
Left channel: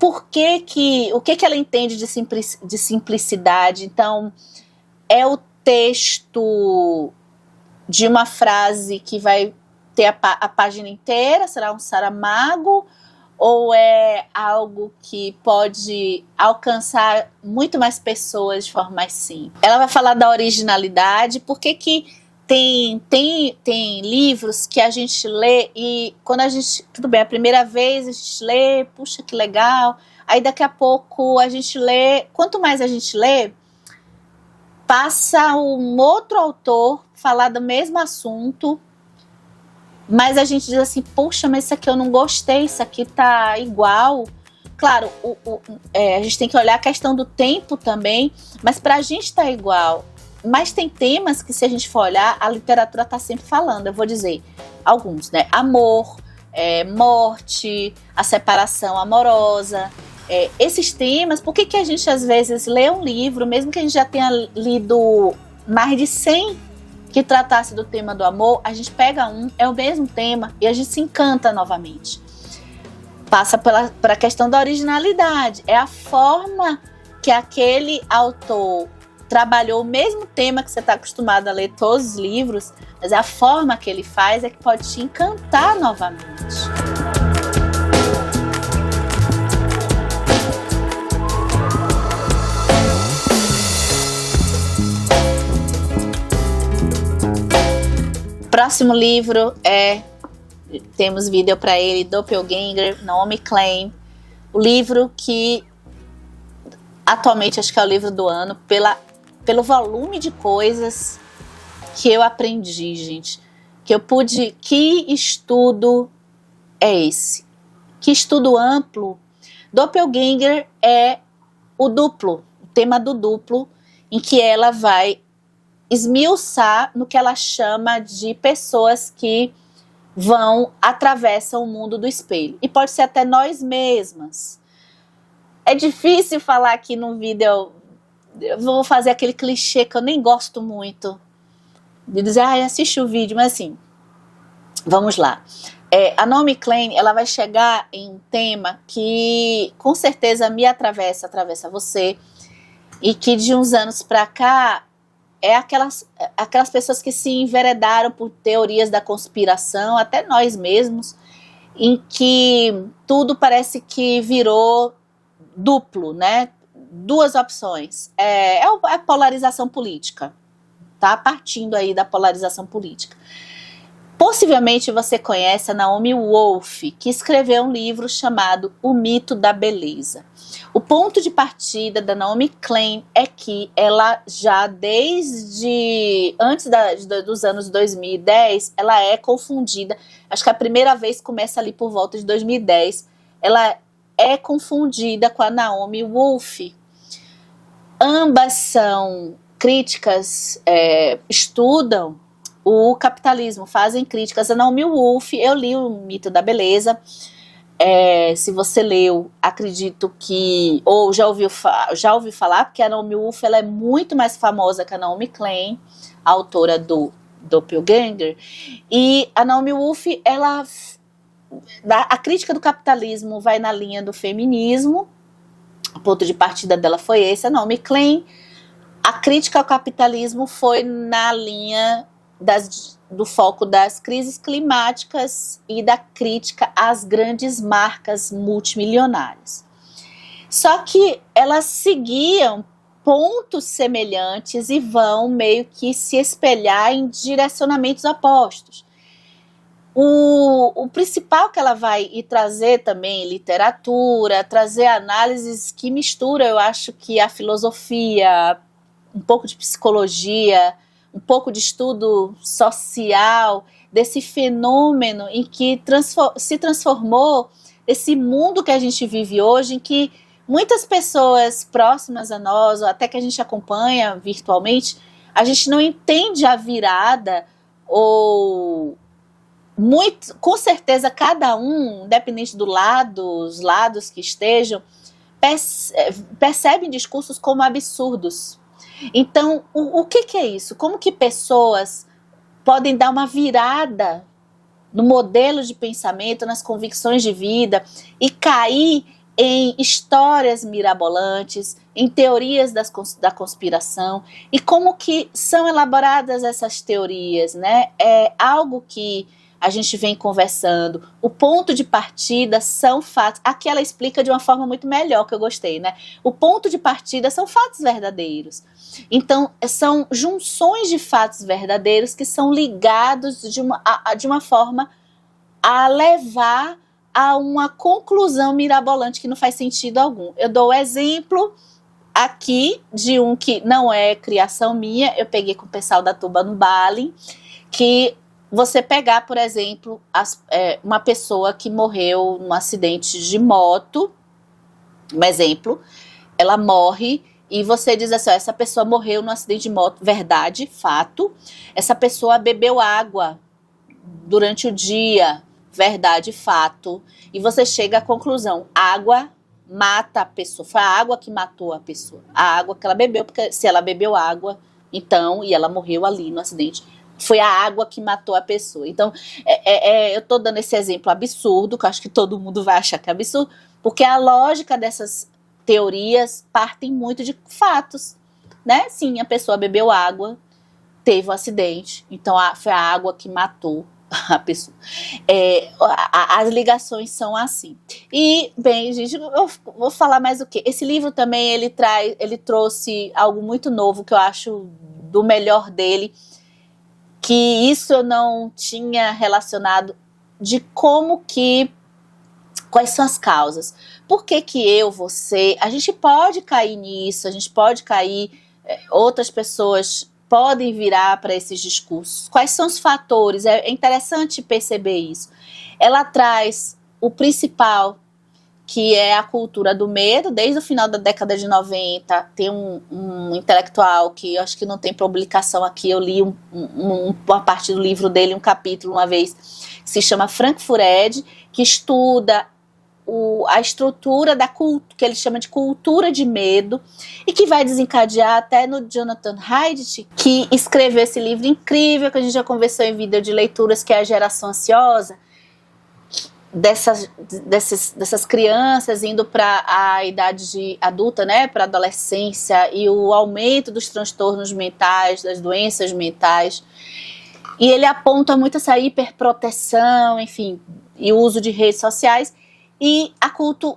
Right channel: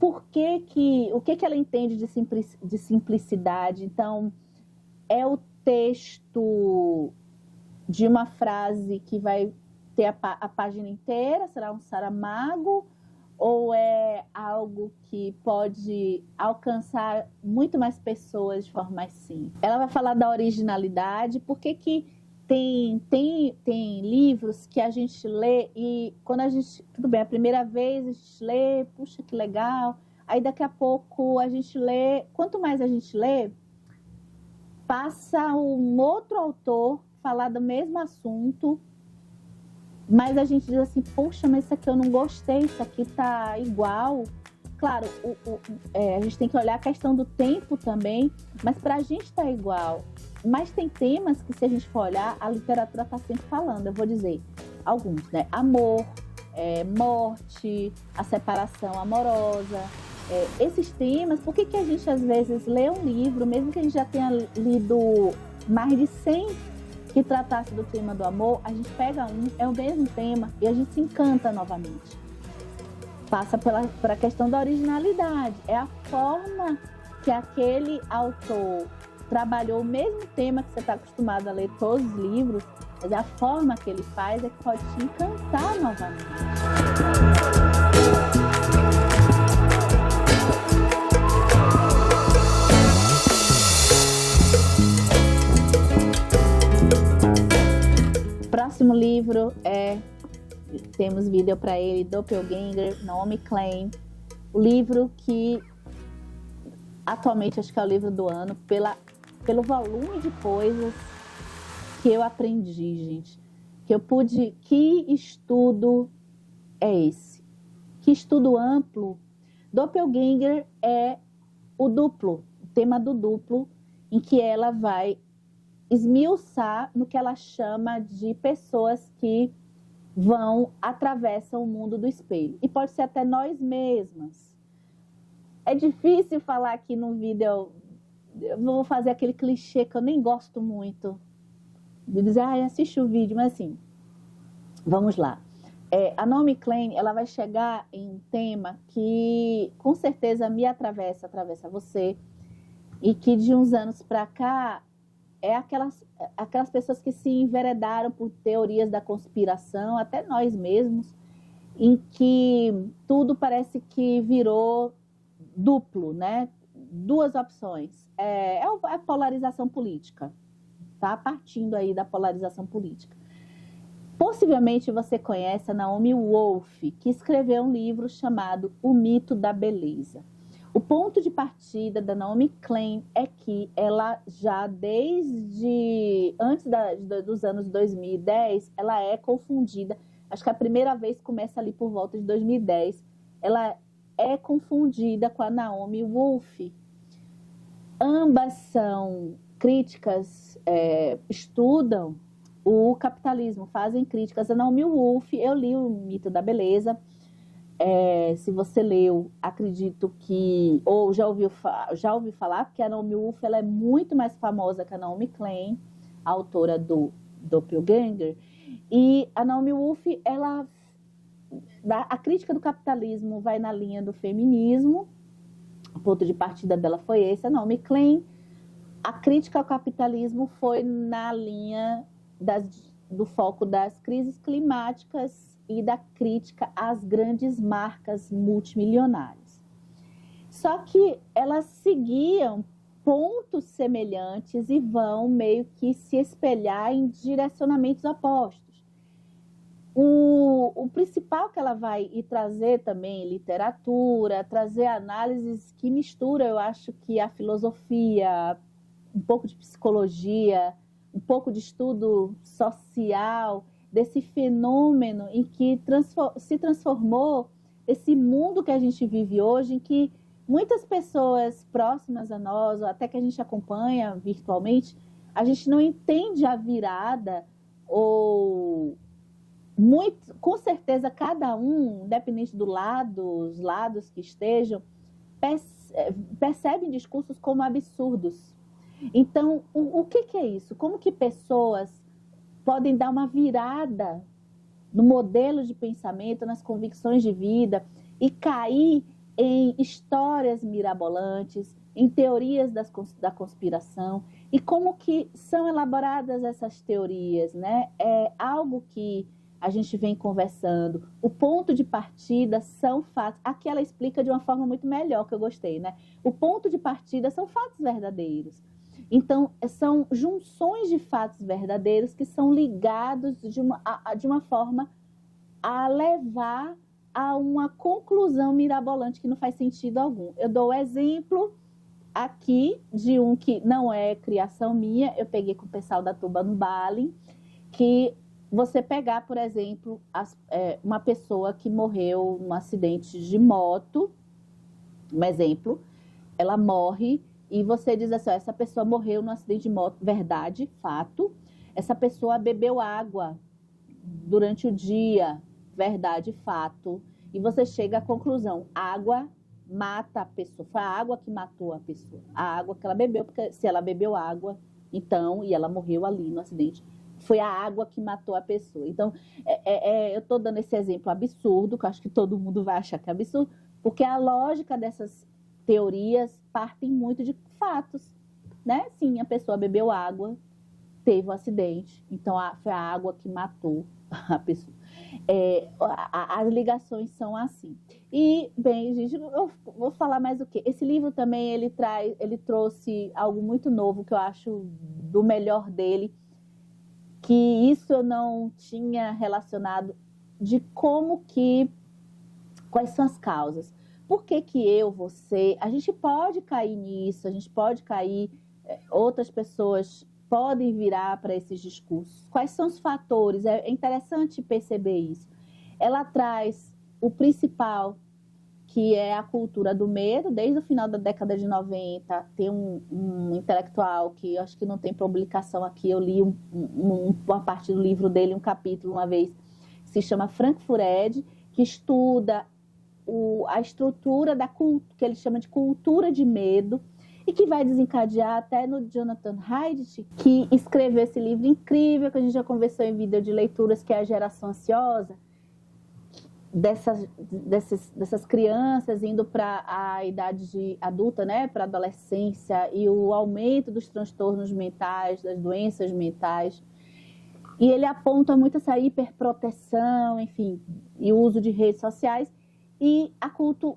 O que ela entende de simplicidade? Então, texto de uma frase que vai ter a página inteira? Será um Saramago? Ou é algo que pode alcançar muito mais pessoas de forma mais simples? Ela vai falar da originalidade, por que tem livros que a gente lê e quando a gente, tudo bem, a primeira vez a gente lê, puxa, que legal, aí daqui a pouco a gente lê, quanto mais a gente lê, passa um outro autor falar do mesmo assunto, mas a gente diz assim, poxa, mas isso aqui eu não gostei, isso aqui tá igual. Claro, a gente tem que olhar a questão do tempo também, mas pra gente tá igual. Mas tem temas que, se a gente for olhar, a literatura tá sempre falando. Eu vou dizer alguns, né? Amor, morte, a separação amorosa. Esses temas, por que a gente às vezes lê um livro, mesmo que a gente já tenha lido mais de 100 que tratasse do tema do amor, a gente pega é o mesmo tema e a gente se encanta novamente. Passa pela questão da originalidade. É a forma que aquele autor trabalhou o mesmo tema que você está acostumado a ler todos os livros, mas é a forma que ele faz é que pode te encantar novamente. Próximo livro temos vídeo para ele, Doppelganger, Naomi Klein, o livro que atualmente acho que é o livro do ano, pelo volume de coisas que eu aprendi, gente, que estudo é esse? Que estudo amplo. Doppelganger é o duplo, o tema do duplo, em que ela vai esmiuçar no que ela chama de pessoas que atravessam o mundo do espelho. E pode ser até nós mesmas. É difícil falar aqui no vídeo, eu vou fazer aquele clichê que eu nem gosto muito, de dizer, assiste o vídeo, mas assim, vamos lá. A Naomi Klein, ela vai chegar em um tema que com certeza me atravessa você, e que de uns anos para cá, aquelas pessoas que se enveredaram por teorias da conspiração, até nós mesmos, em que tudo parece que virou duplo, né? Duas opções. A polarização política, tá? Partindo aí da polarização política. Possivelmente você conhece a Naomi Wolf, que escreveu um livro chamado O Mito da Beleza. O ponto de partida da Naomi Klein é que ela já desde antes dos anos 2010, ela é confundida, acho que a primeira vez começa ali por volta de 2010, ela é confundida com a Naomi Wolf. Ambas são críticas, estudam o capitalismo, fazem críticas. A Naomi Wolf, eu li O Mito da Beleza, se você leu, acredito que, ou já ouviu falar, porque a Naomi Wolf ela é muito mais famosa que a Naomi Klein, a autora do Doppelganger, e a Naomi Wolf, a crítica do capitalismo vai na linha do feminismo, o ponto de partida dela foi esse. A Naomi Klein, a crítica ao capitalismo foi na linha do foco das crises climáticas e da crítica às grandes marcas multimilionárias. Só que elas seguiam pontos semelhantes e vão meio que se espelhar em direcionamentos opostos. O principal que ela vai trazer também literatura, trazer análises que misturam, eu acho que a filosofia, um pouco de psicologia, um pouco de estudo social, desse fenômeno em que se transformou esse mundo que a gente vive hoje, em que muitas pessoas próximas a nós, ou até que a gente acompanha virtualmente, a gente não entende a virada, ou com certeza cada um, independente os lados que estejam, percebem discursos como absurdos. Então, o que é isso? Como que pessoas podem dar uma virada no modelo de pensamento, nas convicções de vida e cair em histórias mirabolantes, em teorias da conspiração, e como que são elaboradas essas teorias, né? É algo que a gente vem conversando. O ponto de partida são fatos. Aqui ela explica de uma forma muito melhor, que eu gostei, né? O ponto de partida são fatos verdadeiros. Então, são junções de fatos verdadeiros que são ligados de uma forma a levar a uma conclusão mirabolante que não faz sentido algum. Eu dou o exemplo aqui de um que não é criação minha, eu peguei com o pessoal da Tuba no Bali, que você pegar, por exemplo, uma pessoa que morreu num acidente de moto, um exemplo, ela morre e você diz assim, ó, essa pessoa morreu num acidente de moto, verdade, fato, essa pessoa bebeu água durante o dia, verdade, fato, e você chega à conclusão, água mata a pessoa, foi a água que matou a pessoa, a água que ela bebeu, porque se ela bebeu água, então, e ela morreu ali no acidente, foi a água que matou a pessoa. Então, eu estou dando esse exemplo absurdo, que eu acho que todo mundo vai achar que é absurdo, porque a lógica dessas teorias partem muito de fatos, né? Sim, a pessoa bebeu água, teve um acidente, então foi a água que matou a pessoa. As ligações são assim. E, bem, gente, eu vou falar mais o quê? Esse livro também, ele trouxe algo muito novo, que eu acho do melhor dele, que isso eu não tinha relacionado, de quais são as causas. Por que você, a gente pode cair nisso, a gente pode cair, outras pessoas podem virar para esses discursos. Quais são os fatores? É interessante perceber isso. Ela traz o principal, que é a cultura do medo. Desde o final da década de 90, tem um intelectual que eu acho que não tem publicação aqui, eu li uma parte do livro dele, um capítulo uma vez, que se chama Frank Furedi, que estuda a estrutura que ele chama de cultura de medo, e que vai desencadear até no Jonathan Haidt, que escreveu esse livro incrível, que a gente já conversou em vídeo de leituras, que é A Geração Ansiosa, dessas crianças indo para a idade adulta, né, para a adolescência, e o aumento dos transtornos mentais, das doenças mentais. E ele aponta muito essa hiperproteção, enfim, e o uso de redes sociais, e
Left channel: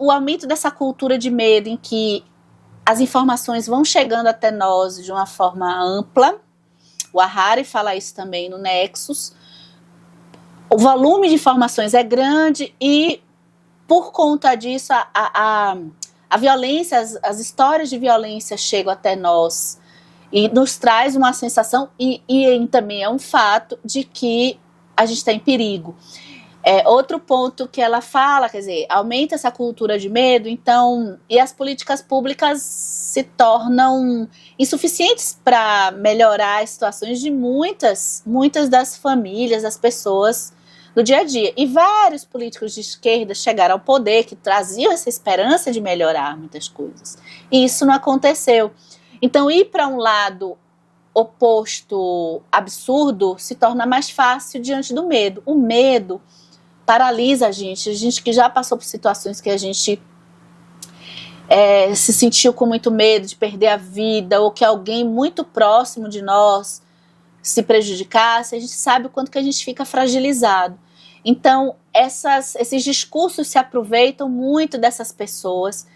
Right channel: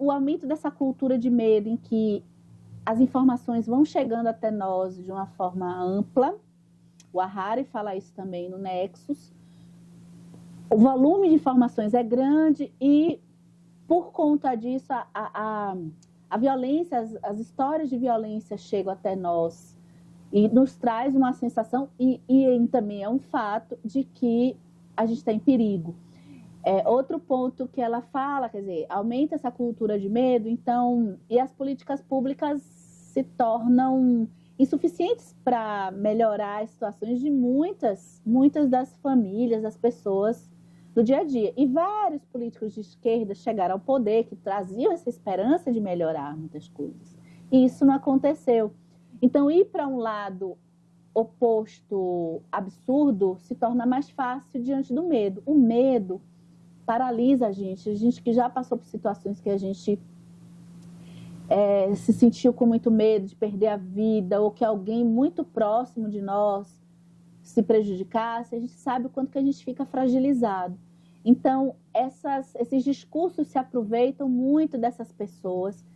o aumento dessa cultura de medo, em que as informações vão chegando até nós de uma forma ampla. O Harari fala isso também no Nexus. O volume de informações é grande e, por conta disso, a violência, as histórias de violência chegam até nós e nos traz uma sensação, e também é um fato, de que a gente está em perigo. Outro ponto que ela fala, quer dizer, aumenta essa cultura de medo, então, e as políticas públicas se tornam insuficientes para melhorar as situações de muitas das famílias, das pessoas no dia a dia. E vários políticos de esquerda chegaram ao poder que traziam essa esperança de melhorar muitas coisas. E isso não aconteceu. Então, ir para um lado oposto, absurdo, se torna mais fácil diante do medo. O medo paralisa a gente que já passou por situações que a gente se sentiu com muito medo de perder a vida, ou que alguém muito próximo de nós se prejudicasse, a gente sabe o quanto que a gente fica fragilizado. Então, esses discursos se aproveitam muito dessas pessoas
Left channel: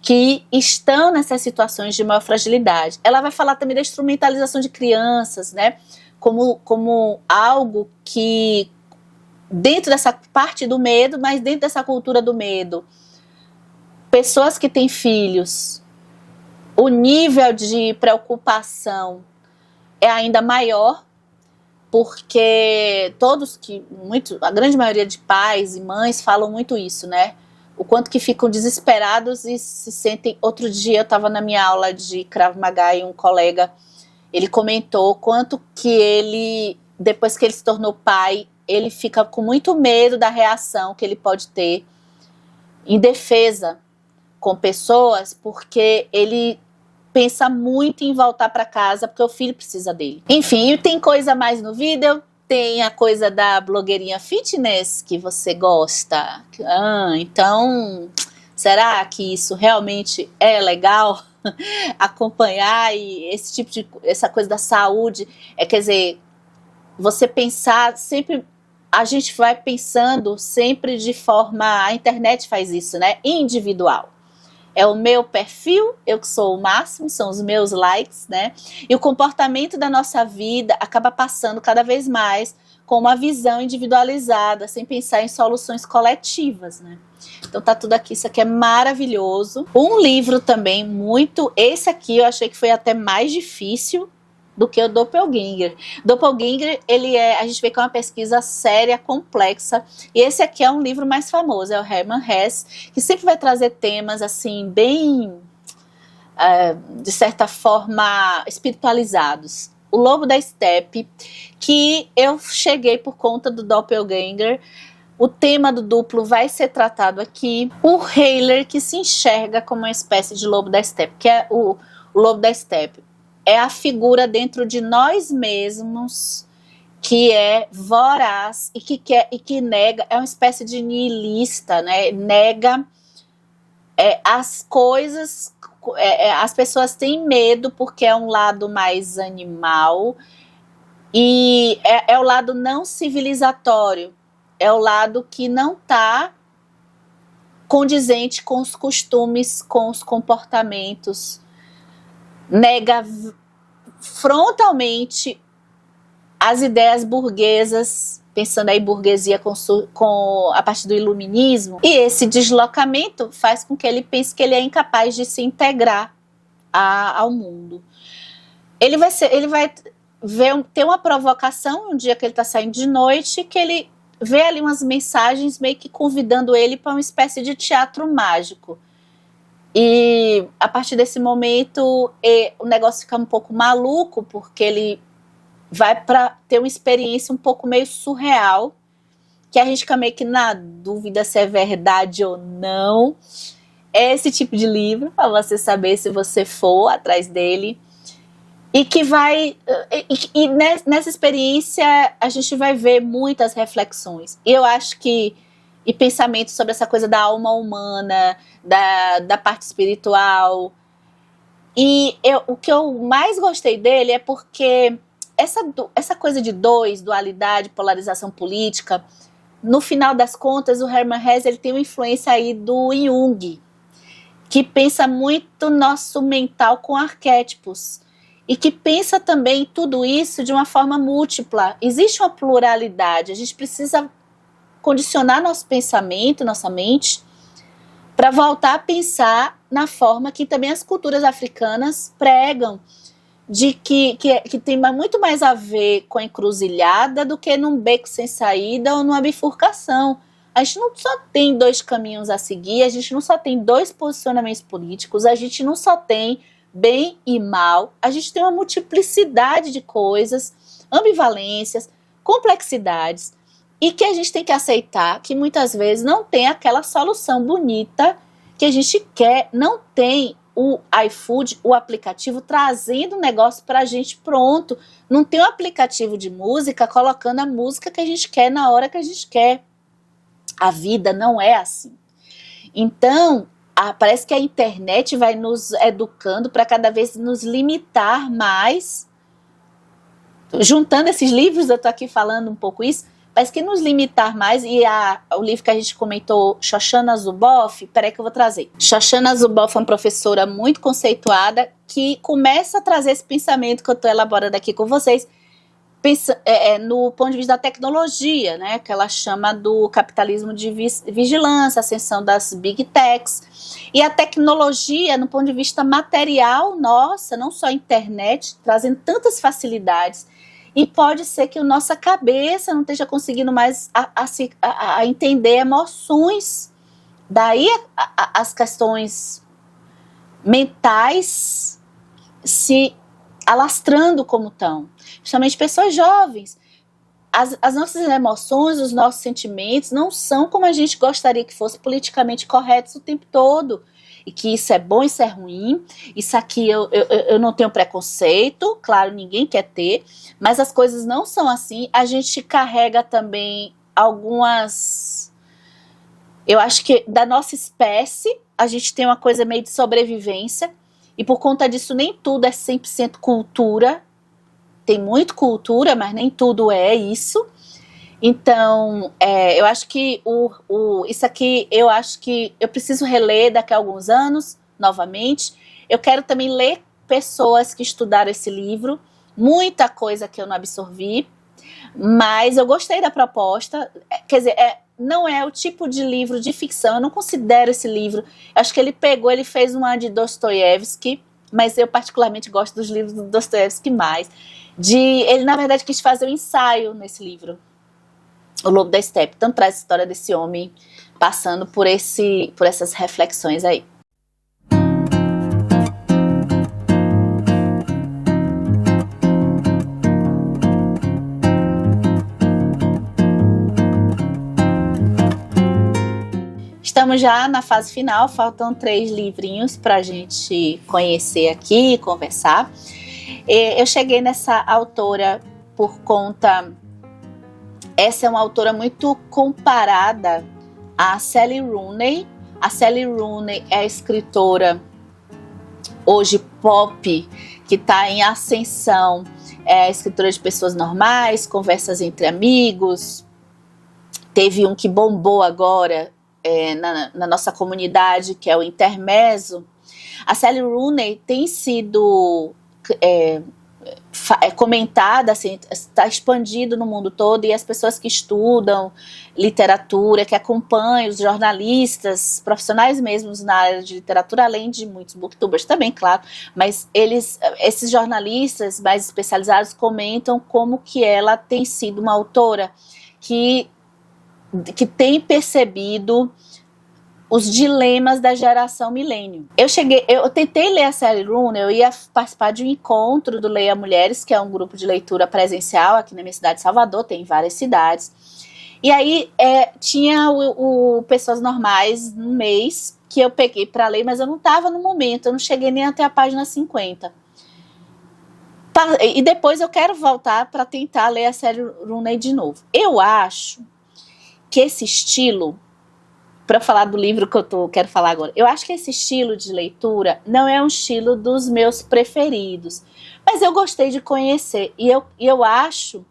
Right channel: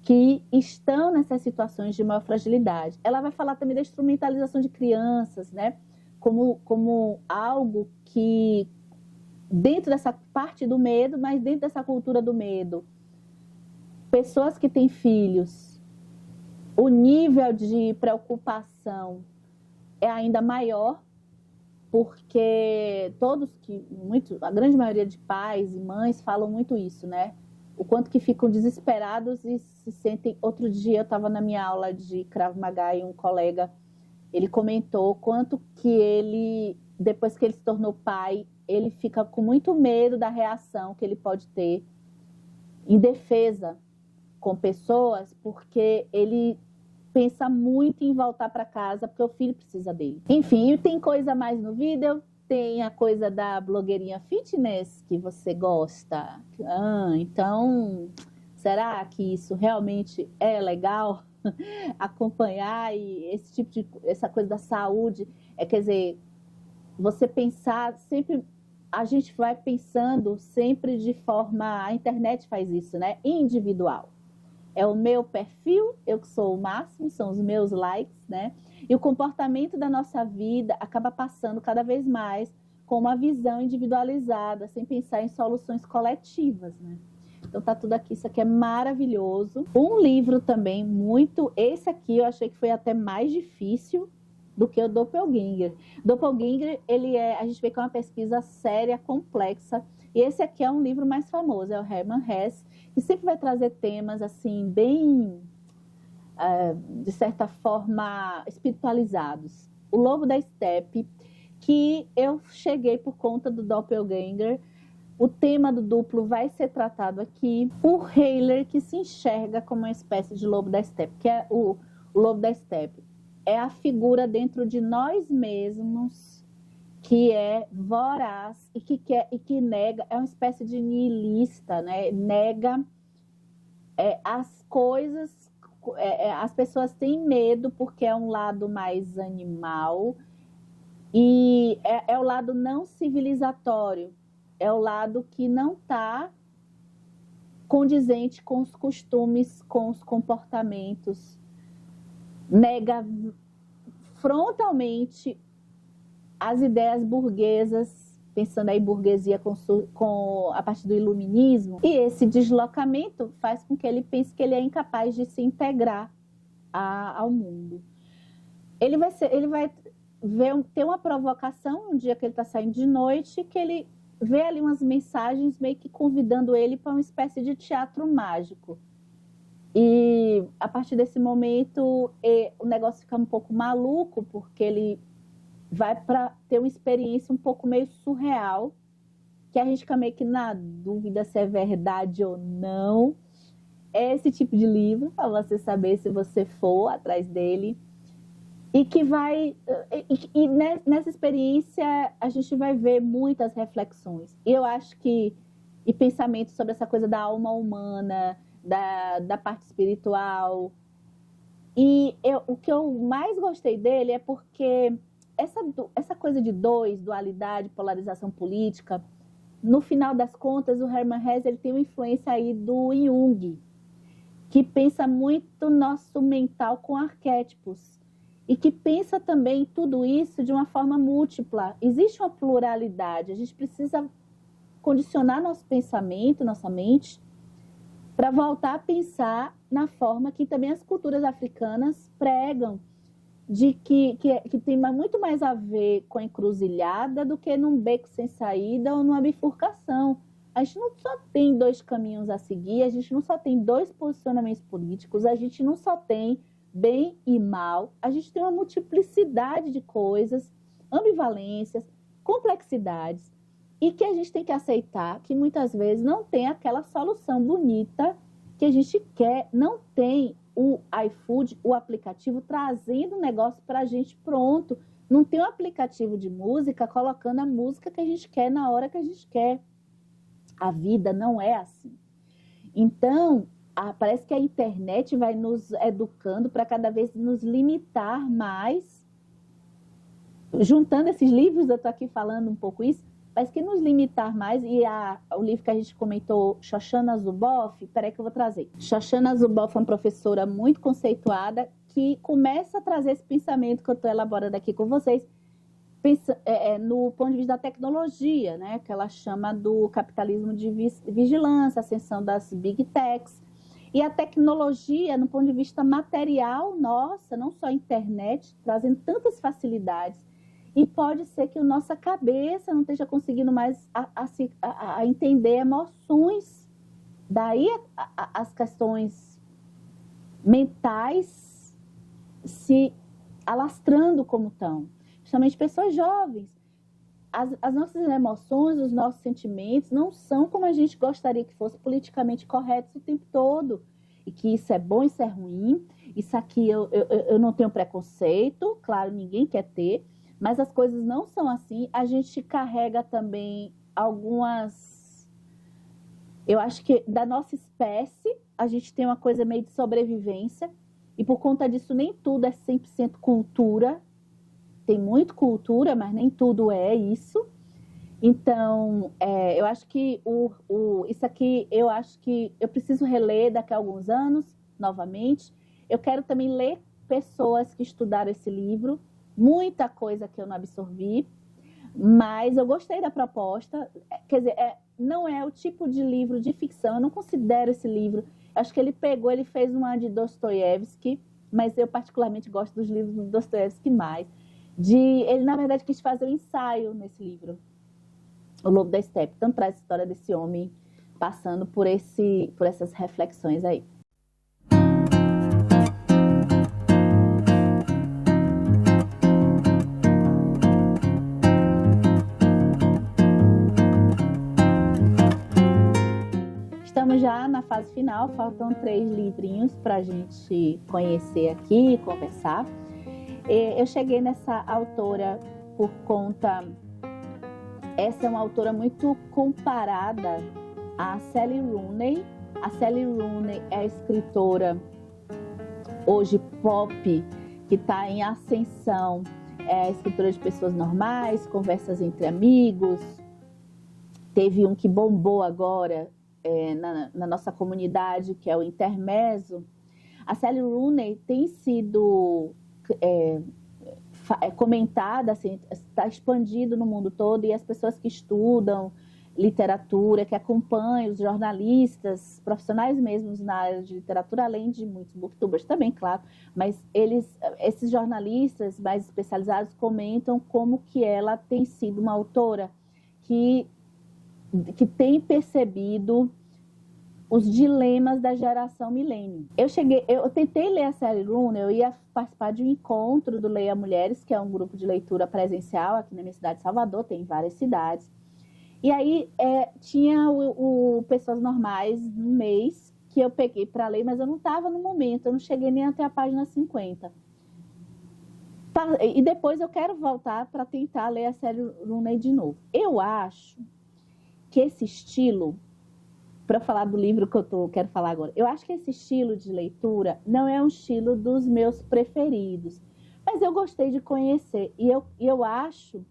que estão nessas situações de maior fragilidade. Ela vai falar também da instrumentalização de crianças, né? Como algo que, dentro dessa parte do medo, mas dentro dessa cultura do medo, pessoas que têm filhos, o nível de preocupação é ainda maior, porque a grande maioria de pais e mães falam muito isso, né? O quanto que ficam desesperados e se sentem... Outro dia eu estava na minha aula de Krav Maga e um colega, ele comentou quanto que ele, depois que ele se tornou pai, ele fica com muito medo da reação que ele pode ter em defesa com pessoas, porque ele pensa muito em voltar para casa, porque o filho precisa dele. Enfim, tem coisa mais no vídeo, tem a coisa da blogueirinha fitness que você gosta. Então, Será que isso realmente é legal? Acompanhar e essa coisa da saúde, quer dizer, você pensar sempre, a gente vai pensando sempre de forma, a internet faz isso, né? Individual. É o meu perfil, eu que sou o máximo, são os meus likes, né? E o comportamento da nossa vida acaba passando cada vez mais com uma visão individualizada, sem pensar em soluções coletivas, né? Então tá tudo aqui, isso aqui é maravilhoso. Um livro também esse aqui eu achei que foi até mais difícil do que o Doppelganger. Doppelganger, a gente vê que é uma pesquisa séria, complexa, e esse aqui é um livro mais famoso, é o Hermann Hesse, que sempre vai trazer temas assim, bem, de certa forma, espiritualizados. O Lobo da Estepe, que eu cheguei por conta do Doppelganger. O tema do duplo vai ser tratado aqui. O Heiler, que se enxerga como uma espécie de lobo da estepe, que é o lobo da estepe. É a figura dentro de nós mesmos que é voraz e que nega, é uma espécie de nihilista, né? Nega as coisas, as pessoas têm medo porque é um lado mais animal e é o lado não civilizatório, é o lado que não está condizente com os costumes, com os comportamentos, nega frontalmente as ideias burguesas, pensando aí burguesia a partir do iluminismo, e esse deslocamento faz com que ele pense que ele é incapaz de se integrar ao mundo. Ele vai ter uma provocação um dia que ele está saindo de noite, que ele vê ali umas mensagens meio que convidando ele para uma espécie de teatro mágico. E a partir desse momento o negócio fica um pouco maluco, porque ele vai para ter uma experiência um pouco meio surreal, que a gente fica meio que na dúvida se é verdade ou não. É esse tipo de livro, para você saber se você for atrás dele. E que nessa experiência a gente vai ver muitas reflexões. E eu acho que pensamentos sobre essa coisa da alma humana, da parte espiritual. E o que eu mais gostei dele é porque essa coisa de dualidade, polarização política, no final das contas, o Hermann Hesse ele tem uma influência aí do Jung, que pensa muito nosso mental com arquétipos. E que pensa também tudo isso de uma forma múltipla. Existe uma pluralidade, a gente precisa condicionar nosso pensamento, nossa mente, para voltar a pensar na forma que também as culturas africanas pregam, de que tem muito mais a ver com a encruzilhada do que num beco sem saída ou numa bifurcação. A gente não só tem dois caminhos a seguir, a gente não só tem dois posicionamentos políticos, a gente não só tem bem e mal, a gente tem uma multiplicidade de coisas, ambivalências, complexidades, e que a gente tem que aceitar que muitas vezes não tem aquela solução bonita que a gente quer, não tem o iFood, o aplicativo, trazendo o negócio para a gente pronto, não tem um aplicativo de música colocando a música que a gente quer na hora que a gente quer. A vida não é assim. Então, parece que a internet vai nos educando para cada vez nos limitar mais. Juntando esses livros, eu estou aqui falando um pouco isso, parece que nos limitar mais. E o livro que a gente comentou, Shoshana Zuboff, peraí que eu vou trazer. Shoshana Zuboff é uma professora muito conceituada que começa a trazer esse pensamento que eu estou elaborando aqui com vocês, no ponto de vista da tecnologia, né, que ela chama do capitalismo de vigilância, ascensão das big techs, e a tecnologia, no ponto de vista material, nossa, não só a internet, trazendo tantas facilidades, e pode ser que a nossa cabeça não esteja conseguindo mais a entender emoções, daí as questões mentais se alastrando como estão. Principalmente pessoas jovens. As nossas emoções, os nossos sentimentos não são como a gente gostaria que fosse politicamente corretos o tempo todo. E que isso é bom, isso é ruim, isso aqui eu não tenho preconceito, claro, ninguém quer ter, mas as coisas não são assim. A gente carrega também algumas Eu acho que da nossa espécie, a gente tem uma coisa meio de sobrevivência, e por conta disso nem tudo é 100% cultura. Tem muito cultura, mas nem tudo é isso. Então, eu acho que isso aqui, eu acho que eu preciso reler daqui a alguns anos, novamente. Eu quero também ler pessoas que estudaram esse livro, muita coisa que eu não absorvi, mas eu gostei da proposta. Quer dizer, não é o tipo de livro de ficção, eu não considero esse livro. Acho que ele fez uma de Dostoiévski, mas eu particularmente gosto dos livros do Dostoiévski mais. Ele, na verdade, quis fazer um ensaio nesse livro, O Lobo da Estepe. Então traz a história desse homem passando por essas reflexões aí. Estamos já na fase final, faltam 3 livrinhos para a gente conhecer aqui e conversar. Eu cheguei nessa autora por conta... Essa é uma autora muito comparada a Sally Rooney. A Sally Rooney é a escritora hoje pop, que está em ascensão. É a escritora de Pessoas Normais, Conversas entre Amigos. Teve um que bombou agora na nossa comunidade, que é o Intermezzo. A Sally Rooney tem sido comentada, assim, está expandido no mundo todo, e as pessoas que estudam literatura, que acompanham os jornalistas, profissionais mesmos na área de literatura, além de muitos booktubers também, claro, mas esses jornalistas mais especializados comentam como que ela tem sido uma autora que tem percebido os dilemas da geração milênio. Eu tentei ler a Sally Rooney, eu ia participar de um encontro do Leia Mulheres, que é um grupo de leitura presencial aqui na minha cidade de Salvador, tem várias cidades. E aí tinha o Pessoas Normais no mês que eu peguei para ler, mas eu não estava no momento, eu não cheguei nem até a página 50. E depois eu quero voltar para tentar ler a Sally Rooney de novo. Eu acho que esse estilo, para falar do livro que eu quero falar agora, eu acho que esse estilo de leitura não é um estilo dos meus preferidos, mas eu gostei de conhecer, e eu acho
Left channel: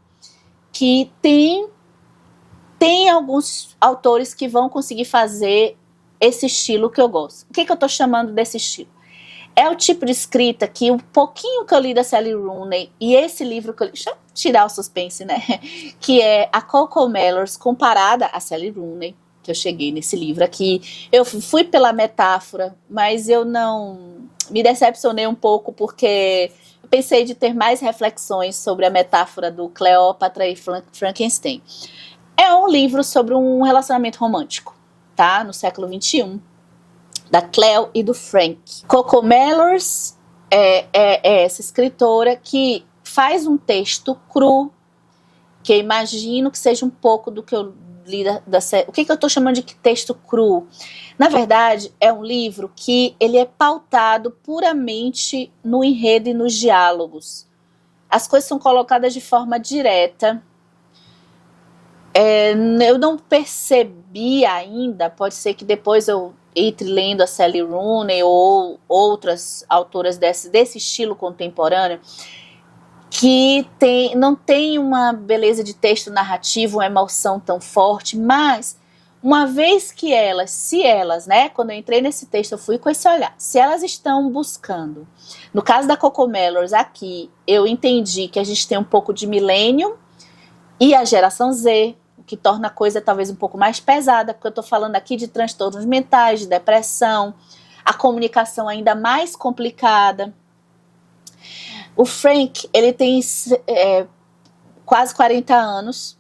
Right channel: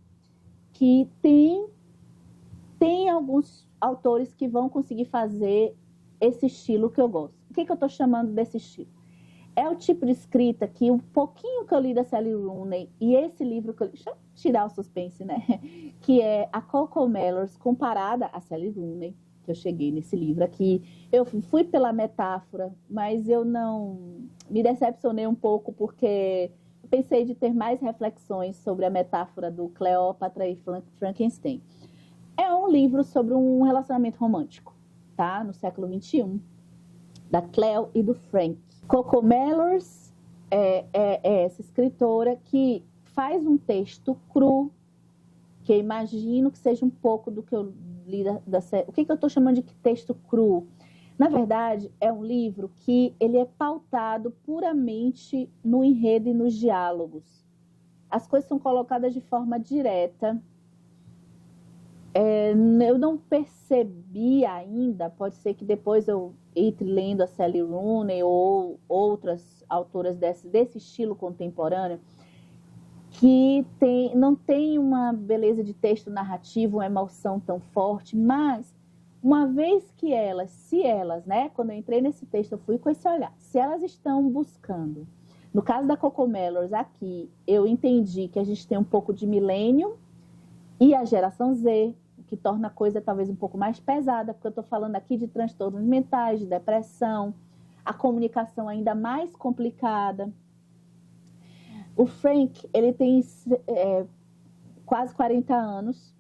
que tem alguns autores que vão conseguir fazer esse estilo que eu gosto. O que eu estou chamando desse estilo? É o tipo de escrita que um pouquinho que eu li da Sally Rooney e esse livro que eu li, deixa eu tirar o suspense, né? Que é a CoComelon comparada a Sally Rooney, que eu cheguei nesse livro aqui. Eu fui pela metáfora, mas eu não me decepcionei um pouco porque eu pensei de ter mais reflexões sobre a metáfora do Cleópatra e Frankenstein. É um livro sobre um relacionamento romântico, tá? No século XXI, da Cleo e do Frank. CoComelon é essa escritora que faz um texto cru, que eu imagino que seja um pouco do que eu li da série. O que eu estou chamando de texto cru? Na verdade, é um livro que ele é pautado puramente no enredo e nos diálogos. As coisas são colocadas de forma direta. Eu não percebi ainda, pode ser que depois eu entre lendo a Sally Rooney ou outras autoras desse estilo contemporâneo, que não tem uma beleza de texto narrativo, uma emoção tão forte, mas uma vez que se elas, né, quando eu entrei nesse texto, eu fui com esse olhar, se elas estão buscando, no caso da CoComelon aqui, eu entendi que a gente tem um pouco de milênio e a geração Z, que torna a coisa talvez um pouco mais pesada, porque eu estou falando aqui de transtornos mentais, de depressão, a comunicação ainda mais complicada. O Frank, ele tem quase 40 anos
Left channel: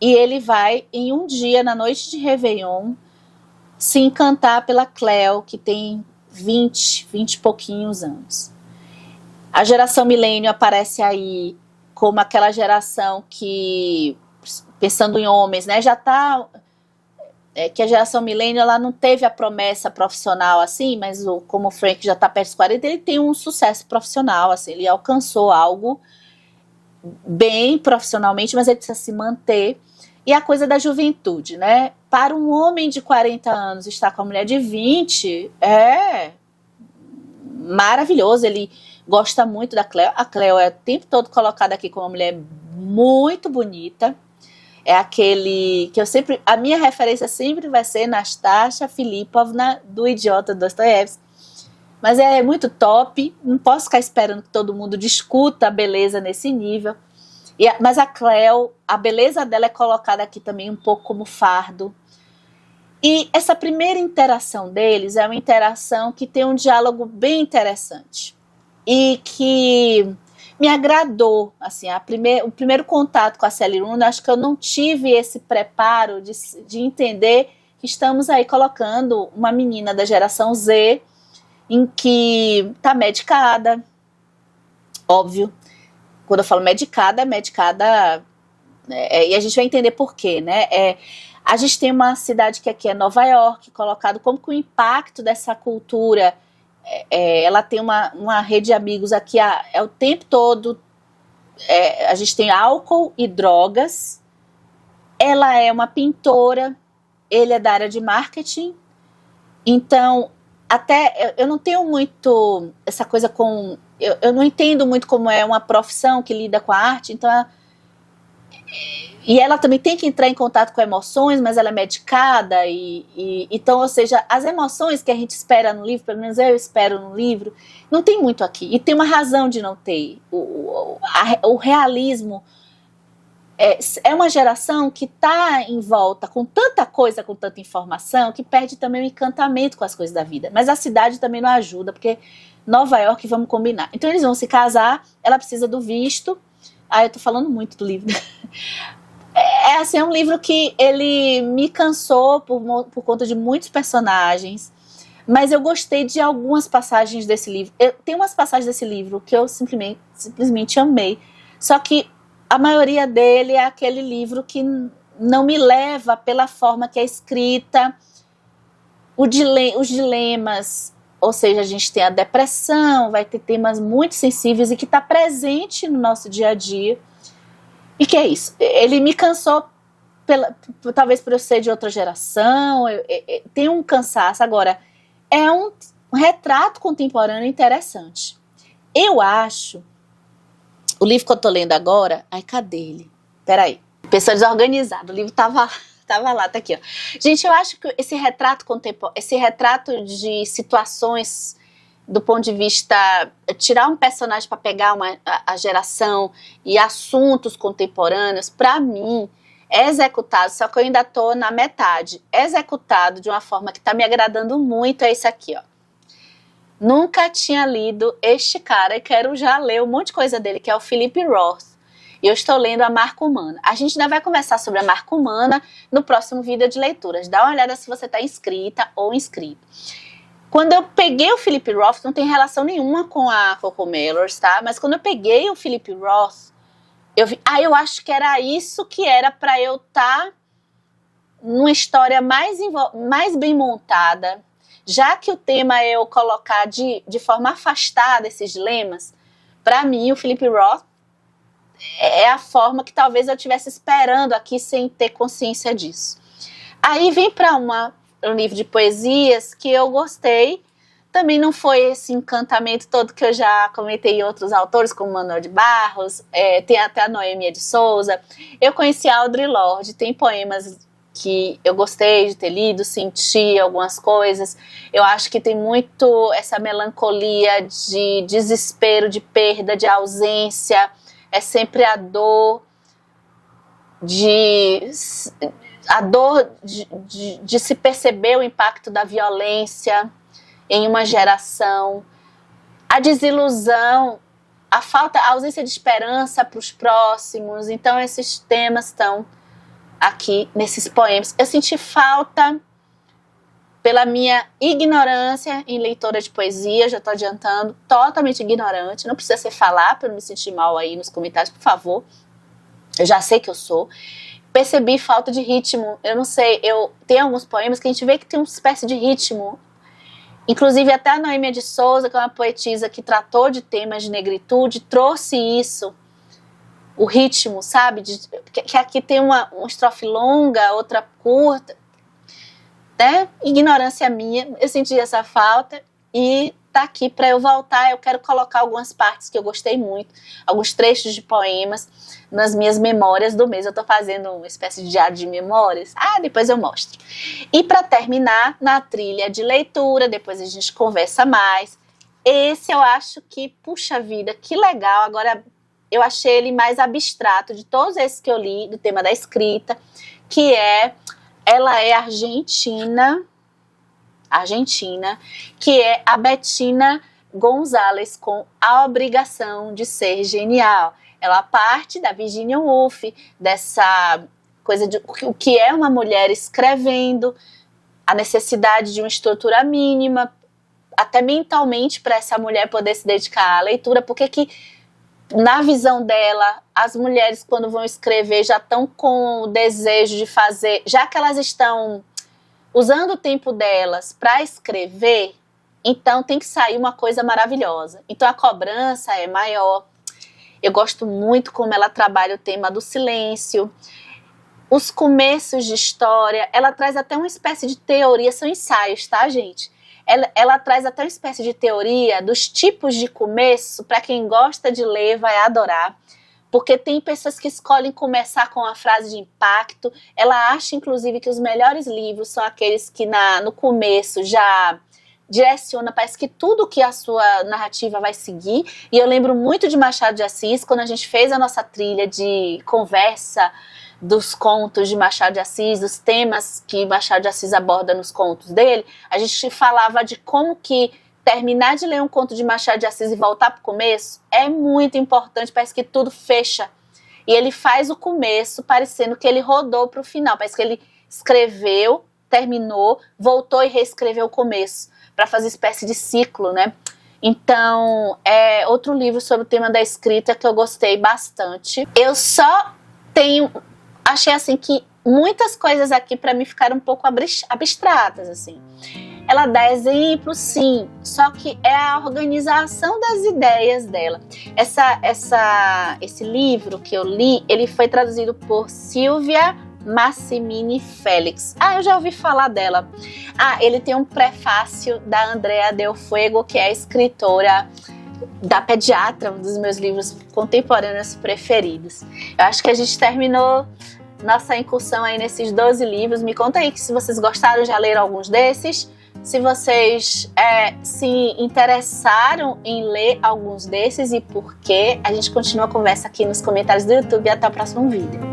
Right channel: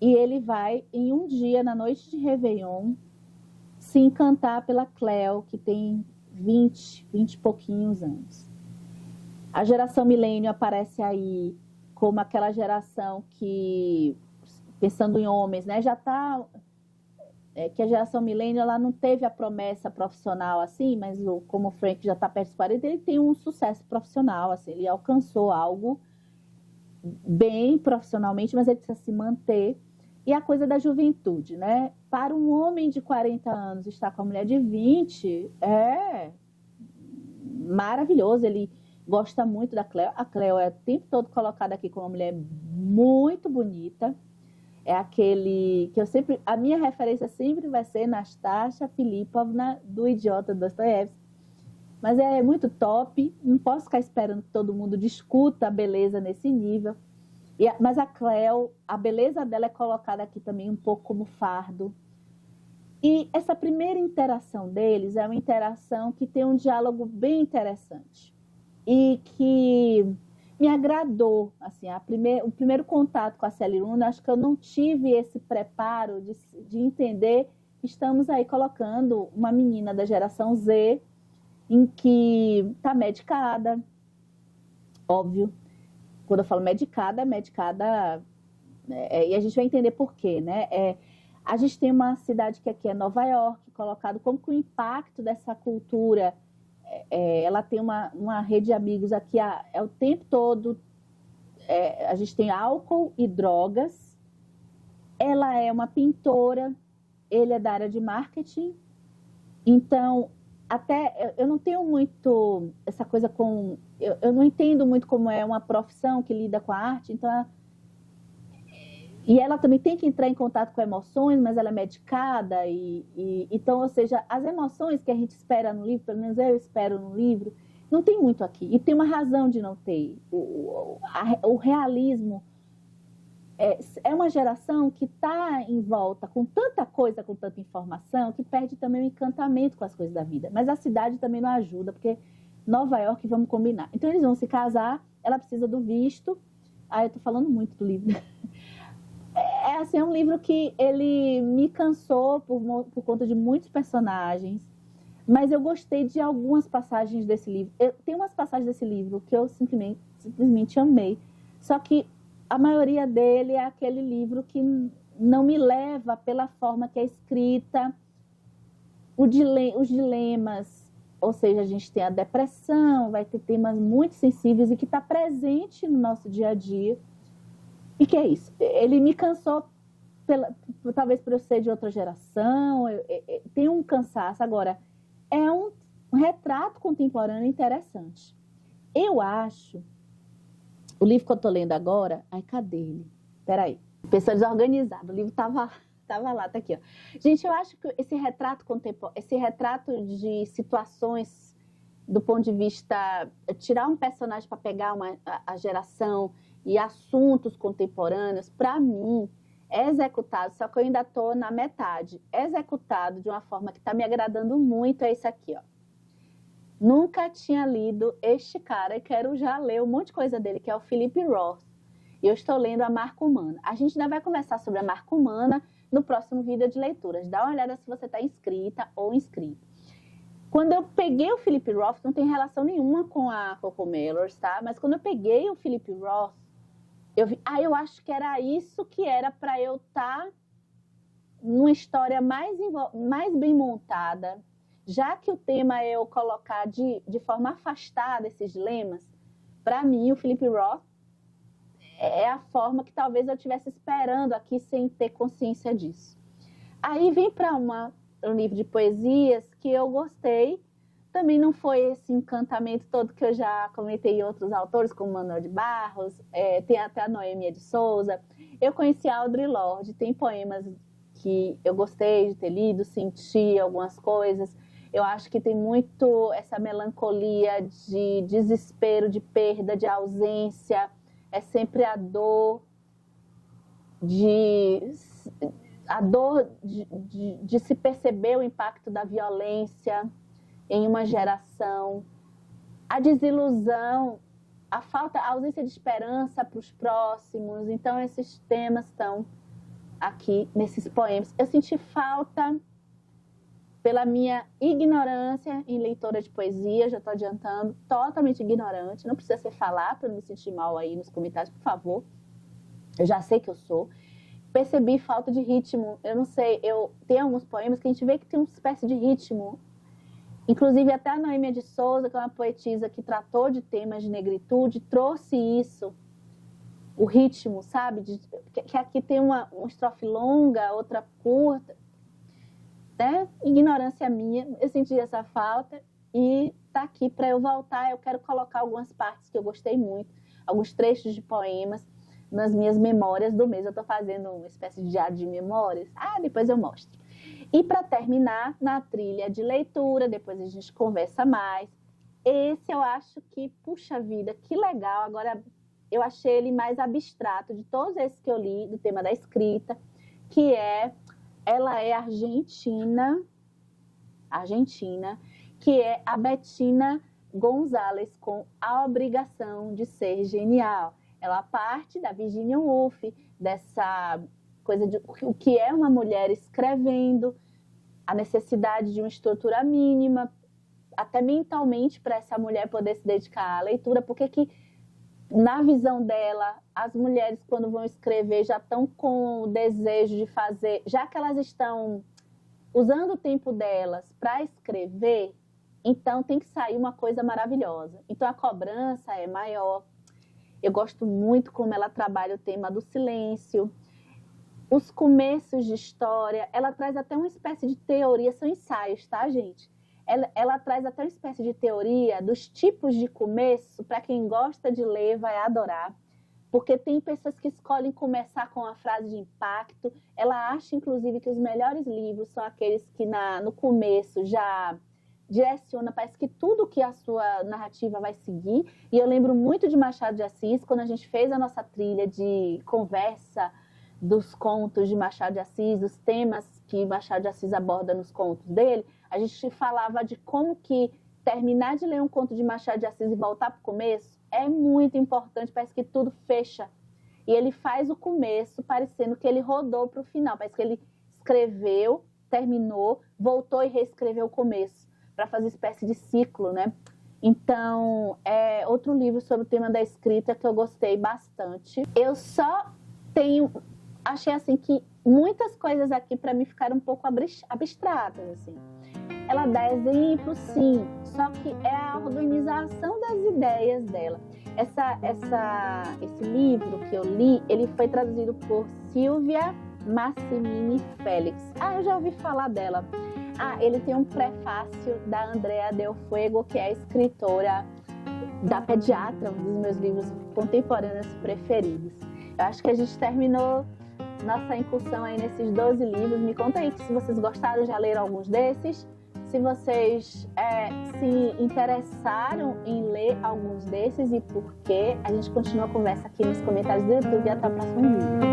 e ele vai, em um dia, na noite de Réveillon, se encantar pela Cleo, que tem 20 e pouquinhos anos. A geração milênio aparece aí como aquela geração que... pensando em homens, né, já está... que a geração milênio, ela não teve a promessa profissional assim, mas como o Frank já está perto dos 40, ele tem um sucesso profissional, assim, ele alcançou algo bem profissionalmente, mas ele precisa se manter. E a coisa da juventude, né? Para um homem de 40 anos estar com a mulher de 20 é maravilhoso. Ele gosta muito da Cleo. A Cleo é o tempo todo colocada aqui como uma mulher muito bonita. É aquele que eu sempre... A minha referência sempre vai ser Nastasha Filipovna, do Idiota Dostoiévski. Mas é muito top. Não posso ficar esperando que todo mundo discuta a beleza nesse nível. Mas a Cleo, a beleza dela é colocada aqui também um pouco como fardo. E essa primeira interação deles é uma interação que tem um diálogo bem interessante. E que me agradou. Assim, o primeiro contato com a Sally Rooney, acho que eu não tive esse preparo de entender que estamos aí colocando uma menina da geração Z em que está medicada, óbvio. Quando eu falo medicada, e a gente vai entender por quê, né? A gente tem uma cidade que aqui é Nova York, colocado como que o impacto dessa cultura, ela tem uma rede de amigos aqui, o tempo todo, a gente tem álcool e drogas, ela é uma pintora, ele é da área de marketing, então, até eu não tenho muito essa coisa com... Eu não entendo muito como é uma profissão que lida com a arte, então... E ela também tem que entrar em contato com emoções, mas ela é medicada, então, ou seja, as emoções que a gente espera no livro, pelo menos eu espero no livro, não tem muito aqui. E tem uma razão de não ter. O realismo é uma geração que está em volta com tanta coisa, com tanta informação, que perde também o encantamento com as coisas da vida. Mas a cidade também não ajuda, porque Nova York, vamos combinar. Então eles vão se casar, ela precisa do visto. Eu tô falando muito do livro. Assim, é um livro que ele me cansou por conta de muitos personagens, mas eu gostei de algumas passagens desse livro. Tem umas passagens desse livro que eu simplesmente amei. Só que a maioria dele é aquele livro que não me leva pela forma que é escrita, os dilemas, ou seja, a gente tem a depressão, vai ter temas muito sensíveis e que está presente no nosso dia a dia. E que é isso? Ele me cansou, talvez por eu ser de outra geração, tem um cansaço. Agora, é um retrato contemporâneo interessante. Eu acho... O livro que eu tô lendo agora... Ai, cadê ele? Peraí. Pessoa desorganizada. O livro tava lá, tá aqui, ó. Gente, eu acho que esse retrato contemporâneo, esse retrato de situações do ponto de vista... Tirar um personagem para pegar a geração e assuntos contemporâneos, para mim, é executado, só que eu ainda tô na metade. É executado de uma forma que está me agradando muito, é esse aqui, ó. Nunca tinha lido este cara e quero já ler um monte de coisa dele, que é o Philip Roth. E eu estou lendo a Marca Humana. A gente ainda vai conversar sobre a Marca Humana no próximo vídeo de leituras. Dá uma olhada se você está inscrita ou inscrito. Quando eu peguei o Philip Roth, não tem relação nenhuma com a Coco Mellors, tá? Mas quando eu peguei o Philip Roth, eu vi, eu acho que era isso que era para eu estar numa história mais bem montada, já que o tema é eu colocar de forma afastada esses dilemas. Para mim, o Philip Roth é a forma que talvez eu estivesse esperando aqui sem ter consciência disso. Aí vem para um livro de poesias que eu gostei. Também não foi esse encantamento todo que eu já comentei em outros autores, como Manuel de Barros, tem até a Noêmia de Souza. Eu conheci a Audre Lorde, tem poemas que eu gostei de ter lido, senti algumas coisas. Eu acho que tem muito essa melancolia de desespero, de perda, de ausência. É sempre a dor de se perceber o impacto da violência em uma geração, a desilusão, a ausência de esperança para os próximos. Então esses temas estão aqui nesses poemas. Eu senti falta, pela minha ignorância em leitora de poesia, já estou adiantando, totalmente ignorante, não precisa ser falar para eu não me sentir mal aí nos comentários, por favor, eu já sei que eu sou. Percebi falta de ritmo, eu não sei, tem alguns poemas que a gente vê que tem uma espécie de ritmo, inclusive até a Noêmia de Souza, que é uma poetisa que tratou de temas de negritude, trouxe isso, o ritmo, sabe? Que aqui tem uma estrofe longa, outra curta, né? Ignorância minha, eu senti essa falta e tá aqui para eu voltar. Eu quero colocar algumas partes que eu gostei muito, alguns trechos de poemas nas minhas memórias do mês. Eu tô fazendo uma espécie de diário de memórias. Depois eu mostro. E para terminar, na trilha de leitura, depois a gente conversa mais. Esse eu acho que, puxa vida, que legal. Agora eu achei ele mais abstrato de todos esses que eu li, do tema da escrita, que ela é argentina, que é a Bettina Gonzalez, com A Obrigação de Ser Genial. Ela parte da Virginia Woolf, dessa coisa de o que é uma mulher escrevendo, a necessidade de uma estrutura mínima, até mentalmente, para essa mulher poder se dedicar à leitura, porque que, na visão dela, as mulheres, quando vão escrever, já estão com o desejo de fazer, já que elas estão usando o tempo delas para escrever, então tem que sair uma coisa maravilhosa. Então a cobrança é maior. Eu gosto muito como ela trabalha o tema do silêncio, os começos de história. Ela traz até uma espécie de teoria, são ensaios, tá, gente? Ela traz até uma espécie de teoria dos tipos de começo. Para quem gosta de ler, vai adorar. Porque tem pessoas que escolhem começar com uma frase de impacto. Ela acha, inclusive, que os melhores livros são aqueles que no começo já direciona, parece que tudo que a sua narrativa vai seguir. E eu lembro muito de Machado de Assis, quando a gente fez a nossa trilha de conversa dos contos de Machado de Assis, dos temas que Machado de Assis aborda nos contos dele, a gente falava de como que terminar de ler um conto de Machado de Assis e voltar para o começo é muito importante, parece que tudo fecha. E ele faz o começo parecendo que ele rodou para o final, parece que ele escreveu, terminou, voltou e reescreveu o começo, para fazer espécie de ciclo, né? Então, é outro livro sobre o tema da escrita que eu gostei bastante. Eu só achei assim que muitas coisas aqui para mim ficaram um pouco abstratas, assim. Ela dá exemplos, sim, só que é a organização das ideias dela. Esse livro que eu li, ele foi traduzido por Silvia Massimini Félix. Eu já ouvi falar dela. Ele tem um prefácio da Andrea Del Fuego, que é a escritora da Pediatra, um dos meus livros contemporâneos preferidos. Eu acho que a gente terminou nossa incursão aí nesses 12 livros. Me conta aí que se vocês gostaram, já leram alguns desses. Se vocês se interessaram em ler alguns desses e por quê, a gente continua a conversa aqui nos comentários do YouTube e até o próximo vídeo.